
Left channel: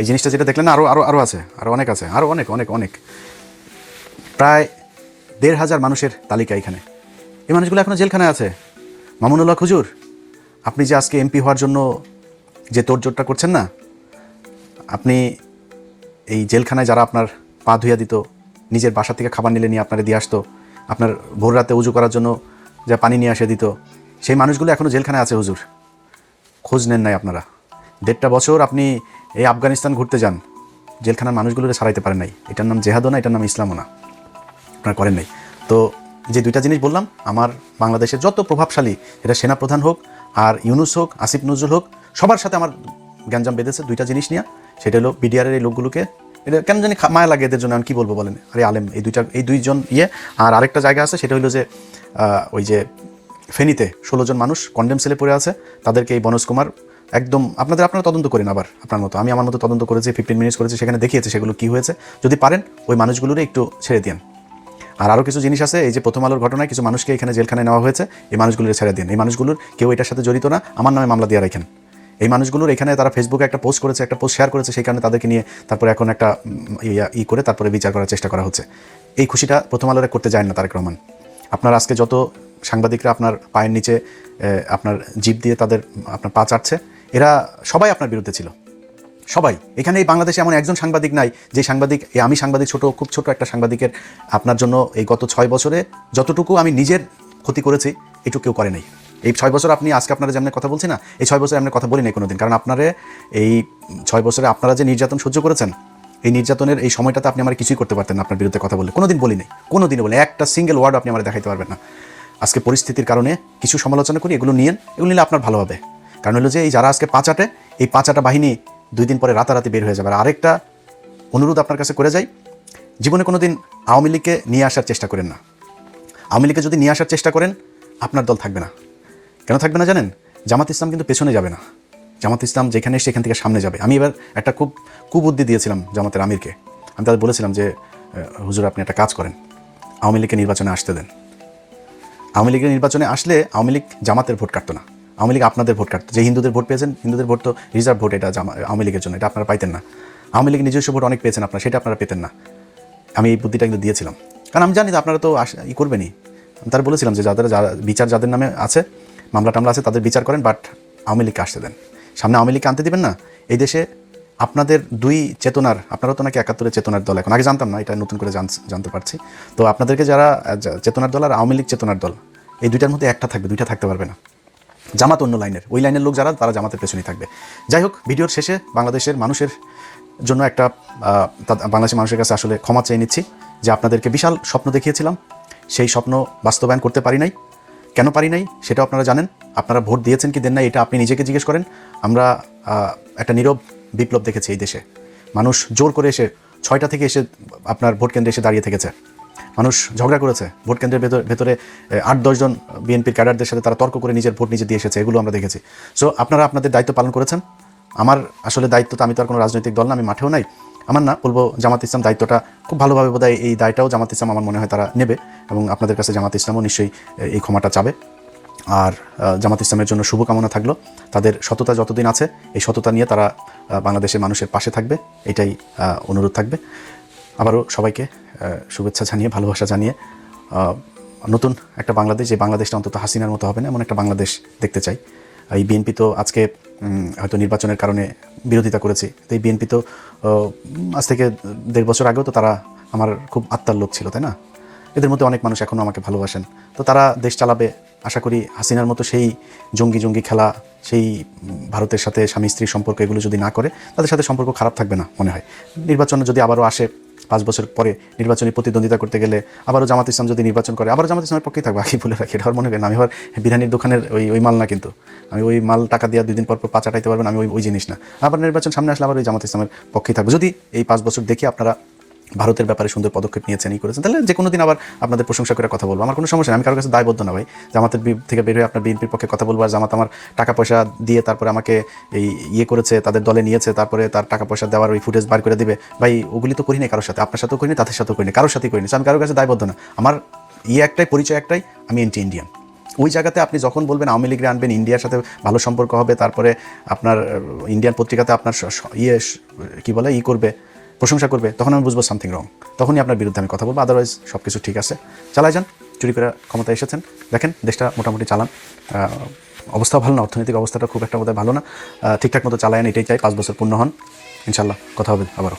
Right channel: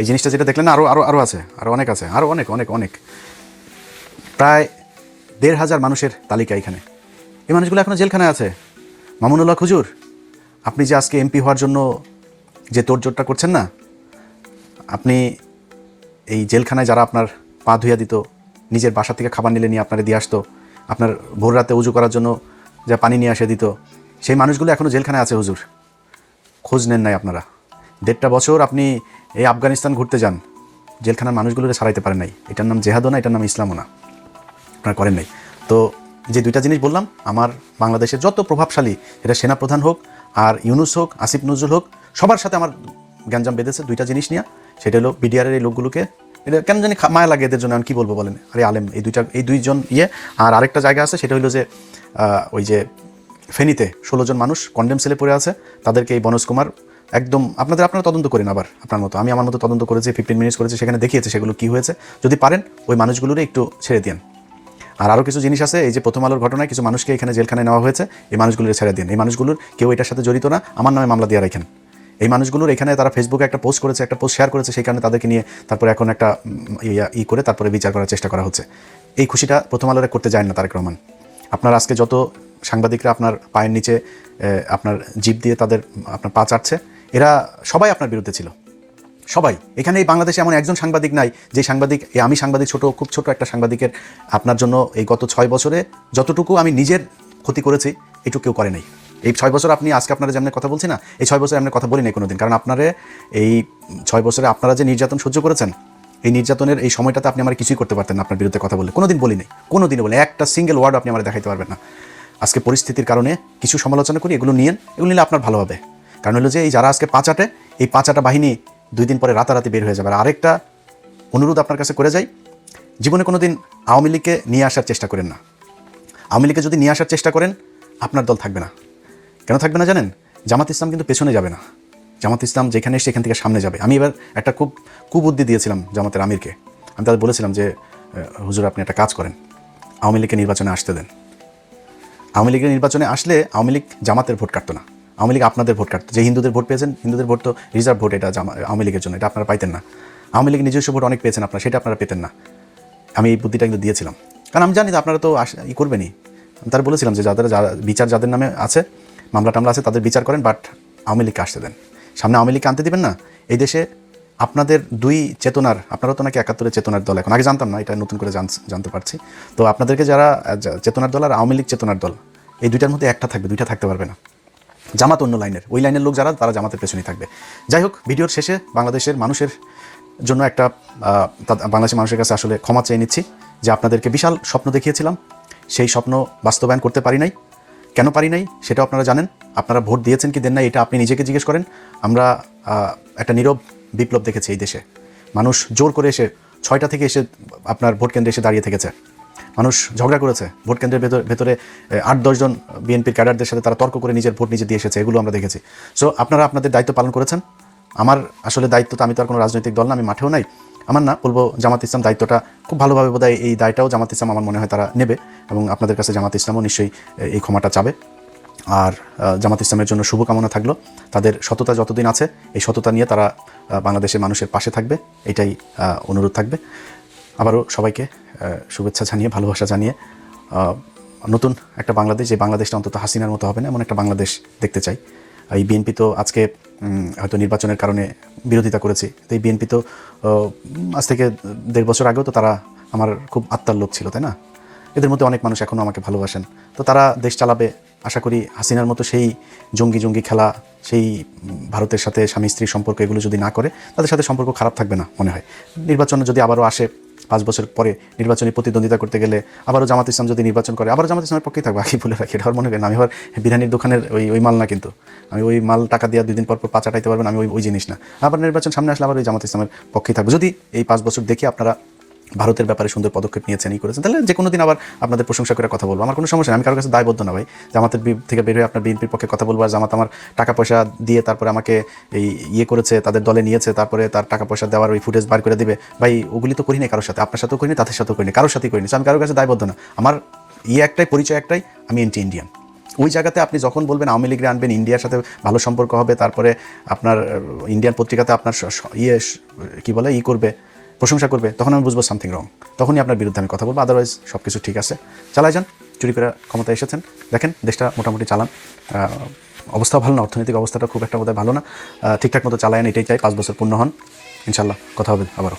এই জিনিসটা যেটা দেখলেন আরো আরো আরো আছে, আরো অনেক আছে, আরো অনেক অনেক অনেক, প্রায় 1,500 মানুষের তালিকা এখানে। এই মানুষগুলো এখনো জেলখানায় আছে। মামুনুল্লাহ হুজুর, আপনি যে আজকে এমপি হওয়ার জন্য যে তোড়জোড়টা করছেন না, আপনি এই জেলখানায় যারা আপনার পা ধুইয়া দিত, নিজের বাসা থেকে খাবার নিলে নিয়ে আপনারা দিয়ে আসতো, আপনার ভোর রাতে উজু করার জন্য যা পানি নিয়ে আসে দিত, সেই মানুষগুলো এখনো জেলখানায় আছে হুজুর, খোঁজ নেন নাই আপনারা। 1.5 বছর আপনি এই আফগানিস্তান ঘুরতে যান, জেলখানার মানুষগুলোকে ছাড়াইতে পারেন নাই। এটার নাম জেহাদও না, এটার নাম ইসলামও না, আপনারা করেন নাই। তো যে 2টা জিনিস বললাম, আমার বাংলাদেশের যত প্রভাবশালী, এটা সেনাপ্রধান হোক আর ইউনূস হোক, আসিফ নজরুল হোক, সবার সাথে আমার গ্যাঞ্জাম বেঁধেছে 2টা জিনিস নিয়ে। সেটা হলো বিডিআরের এই লোকগুলোকে, এটা কেন জানি মায়া লাগে এদের জন্য, আমি কী বলবো বলেন, আরে আলেম এই 2জন আর আরেকটা জায়গা আছে, সেটা হলো যে ওই যে ফেনীতে 16 জন মানুষ কন্ডেম সেলে পড়ে আছে, তাদেরকে এই বনজ কুমার একদম আপনারা তদন্ত করেন, আবার আপনার মতো আমি আমার মতো তদন্ত করেছি, 15 মিনিটস করেছি, সেখানে দেখিয়েছে সেগুলো কি হয়েছে। যদি পারেন ওই মানুষগুলোর একটু ছেড়ে দিন। আর আরও কিছু জিনিস আছে, এই যে প্রথম আলোর ঘটনায় কিছু মানুষকে এখানে জেলখানে নেওয়া হয়েছে, এই মানুষগুলো ছেড়ে দিন। এই মানুষগুলোর কেউ এটার সাথে জড়িত না, আমার নামে মামলা দিয়ে রাখেন। এই মানুষগুলোর এখানে তারা ফেসবুকে একটা পোস্ট করেছে, একটা পোস্ট শেয়ার করেছে, সেই কারণে তাদেরকে নিয়ে তারপরে এখন একটা করে তারপরে বিচার করার চেষ্টা করা হচ্ছে। এই খুশিটা প্রথম আলোরে করতে যায় না তারেক রহমান। আপনার আজকে যত সাংবাদিকরা আপনার পায়ের নিচে আপনার জিপ দিয়ে তাদের আপনার পা চাটছে, এরা সবাই আপনার বিরুদ্ধে ছিল, সবাই। এখানে এই বাংলাদেশে এমন একজন সাংবাদিক নাই যে সাংবাদিক, আমি সাংবাদিক খুব ছোট একটা সাংবাদিকের আপনার জন্য এই গত 6 বছরে যতটুকু আমি নিজের ক্ষতি করেছি এটুকু কেউ করে নাই। এই 6 বছর আপনি আজকে আপনারা যেমন কথা বলছি না, এই 6 বছরে আমরা কথা বলি নাই কোনোদিন, কারণ আপনারা এই 6 বছরে আপনারা যে নির্যাতন সহ্য করেছেন, এই নির্যাতনের এই সময়টাতে আপনি আমার কিছুই করতে পারতেন না আপনার বিরুদ্ধে কথা বলে, কোনোদিন বলি নাই, কোনোদিনও বলি, একটা সিঙ্গেল ওয়ার্ড আপনি আমার দেখাইতে পারবেন না। আজকে পরিস্থিতির কারণে কিছু সমালোচনা করি, এগুলো নিলে আপনার ভালো হবে। কারণ হলো যে এই যারা আজকে পাঁচাটে, এই পাঁচাটা বাহিনী 2 দিন পরে রাতে বের হয়ে যাবে। আরেকটা অনুরোধ আপনার কাছে করে যাই, জীবনে কোনো দিন আওয়ামী লীগকে নিয়ে আসার চেষ্টা করেন না। আওয়ামী লীগকে যদি নিয়ে আসার চেষ্টা করেন, আপনার দল থাকবে না। কেন থাকবে না জানেন? জামাত ইসলাম কিন্তু পেছনে যাবে না, জামাত ইসলাম যেখানে এসে সেখান থেকে সামনে যাবে। আমি এবার একটা কুবুদ্ধি দিয়েছিলাম জামাতের আমিরকে, আমি তাদের বলেছিলাম যে হুজুর আপনি একটা কাজ করেন, আওয়ামী লীগকে নির্বাচনে আসতে দেন। আওয়ামী লীগের নির্বাচনে আসলে আওয়ামী লীগ জামাতের ভোট কাটতো না, আওয়ামী লীগ আপনাদের ভোট কাটতো। যে হিন্দুদের ভোট পেয়েছেন, হিন্দুদের ভোট তো রিজার্ভ ভোট, এটা আওয়ামী লীগের জন্য, এটা আপনারা পাইতেন না। আওয়ামী লীগ নিজস্ব ভোট অনেক পেয়েছেন আপনারা, সেটা আপনারা পেতেন না। আমি এই বুদ্ধিটা কিন্তু দিয়েছিলাম, কারণ আমি জানি যে আপনারা তো করবেনই। তারা বলেছিলাম যে যাদের নামে আছে, মামলা টামলা আছে, তাদের বিচার করেন, বাট আওয়ামী লীগকে আসতে দেন। সামনে আওয়ামী লীগকে আনতে দিবেন না। এই দেশে আপনাদের 2 চেতনার, আপনারা তো নাকি 71 চেতনার দল, এখন আগে জানতাম না, এটা নতুন করে জানতে পারছি। তো আপনাদেরকে যারা চেতনার দল আর আওয়ামী লীগ চেতনার দল, এই 2টার মধ্যে একটা থাকবে, 2টা থাকতে পারবে না। জামাত অন্য লাইনের, ওই লাইনের লোক যারা, তারা জামাতের পেছনেই থাকবে। যাই হোক, ভিডিওর শেষে বাংলাদেশের মানুষের জন্য একটা বাংলাদেশের মানুষের কাছে আসলে ক্ষমা চেয়ে নিচ্ছি যে আপনাদেরকে বিশাল স্বপ্ন দেখিয়েছিলাম, সেই স্বপ্ন বাস্তবায়ন করতে পারি নাই। কেন পারি নাই সেটা আপনারা জানেন। আপনারা ভোট দিয়েছেন কি দেন না, এটা আপনি নিজেকে জিজ্ঞেস করেন। আমরা একটা নীরব বিপ্লব দেখেছি এই দেশে, মানুষ জোর করে এসে 6টা থেকে এসে আপনার ভোট কেন্দ্রে এসে দাঁড়িয়ে থেকেছে, মানুষ ঝগড়া করেছে, ভোট কেন্দ্রের ভেতরে 8-10 জন বিএনপির ক্যাডারদের সাথে তারা তর্ক করে নিজের ভোট নিজে দিয়ে এসেছে, এগুলো আমরা দেখেছি। সো আপনারা আপনাদের দায়িত্ব পালন করেছেন। আমার আসলে দায়িত্ব তো, আমি তো আর কোনো রাজনৈতিক দল না, আমি মাঠেও নাই, আমার না বলবো জামাত ইসলাম দায়িত্বটা খুব ভালোভাবে বোধহয় এই দায়টাও জামাত ইসলাম আমার মনে হয় তারা নেবে, এবং আপনাদের কাছে জামাত ইসলামও নিশ্চয়ই এই ক্ষমাটা চাবে। আর জামাত ইসলামের জন্য শুভকামনা থাকলো, তাদের সততা যতদিন আছে এই সততা নিয়ে তারা বাংলাদেশের মানুষের পাশে থাকবে, এটাই অনুরোধ থাকবে। আবারও সবাইকে শুভেচ্ছা জানিয়ে, ভালোবাসা জানিয়ে, নতুন একটা বাংলাদেশ, যে বাংলাদেশটা অন্তত হাসিনার মতো হবে না এমন একটা বাংলাদেশ দেখতে চাই। এই বিএনপি তো আজকে হয়তো নির্বাচনের কারণে বিরোধিতা করেছি, তো এই বিএনপি তো আজ থেকে 1.5 বছর আগেও তো তারা আমার খুব আত্মার লোক ছিল, তাই না? এদের মধ্যে অনেক মানুষ এখনও আমাকে ভালোবাসেন, তো তারা দেশ চালাবে। আশা করি হাসিনার মতো সেই জঙ্গি খেলা, সেই ভারতের সাথে স্বামী স্ত্রীর সম্পর্ক, এগুলো যদি না করে তাদের সাথে সম্পর্ক খারাপ থাকবে না মনে হয়। নির্বাচন যদি আবারও আসে 5 বছর পরে, নির্বাচনী প্রতিদ্বন্দ্বিতা করতে গেলে আবারও জামাত ইসলাম যদি নির্বাচন করে, আবারও জামাত ইসলামের পক্ষেই থাকবে, আগে বলে রাখি। এটা মনে করেন আমি আবার বিরিয়ানির দোকানের ওই মাল না, কিন্তু আমি ওই মাল টাকা দিয়ে 2 দিন পর পা চাটাইতে পারবেন, আমি ওই জিনিস না। আবার নির্বাচন সামনে আসলে আবার ওই জামাত ইসলামের পক্ষেই থাকবে। যদি এই 5 বছর দেখে আপনারা ভারতের ব্যাপারে সুন্দর পদক্ষেপ নিয়েছেন, করেছেন, তাহলে যে কোনো দিন আবার আপনাদের প্রশংসা করে কথা বলবো, আমার কোনো সমস্যা নেই। আমি কারোর কাছে দায়বদ্ধ না ভাই, জামাতের থেকে বের হয়ে আপনার বিএনপির পক্ষে কথা বলবো, আর জামাত আমার টাকা পয়সা দিয়ে তারপরে আমাকে এই করেছে, তাদের দলে নিয়েছে, তারপরে তার টাকা পয়সা দেওয়ার ওই ফুটেজ বার করে দিবে, ভাই ওগুলি তো করিনি কারোর সাথে, আপনার সাথেও করিনি, তাদের সাথেও করিনি, কারোর সাথেই করিনি। আমি কারোর কাছে দায়বদ্ধ না। আমার একটাই পরিচয়, একটাই, আমি ইন্ডিয়ান। ওই জায়গাতে আপনি যখন বলবেন আওয়ামী লীগ আনবেন, ইন্ডিয়ার সাথে ভালো সম্পর্ক হবে, তারপরে আপনার ইন্ডিয়ান পত্রিকাতে আপনার কি বলে করবে, প্রশংসা করবে, তখন আমি বুঝবো সামথিং রং, তখনই আপনার বিরুদ্ধে আমি কথা বলবো। আদারওয়াইজ সব কিছু ঠিক আছে, চালাই যান। চুরি করে ক্ষমতা এসেছেন, দেখেন দেশটা মোটামুটি চালান, অবস্থাও ভালো না, অর্থনৈতিক অবস্থাটা খুব একটা বোধহয় ভালো না, ঠিকঠাক মতো চালায়েন, এটাই চাই। 5 বছর পূর্ণ হন, ইনশাল্লাহ কথা হবে আবারও।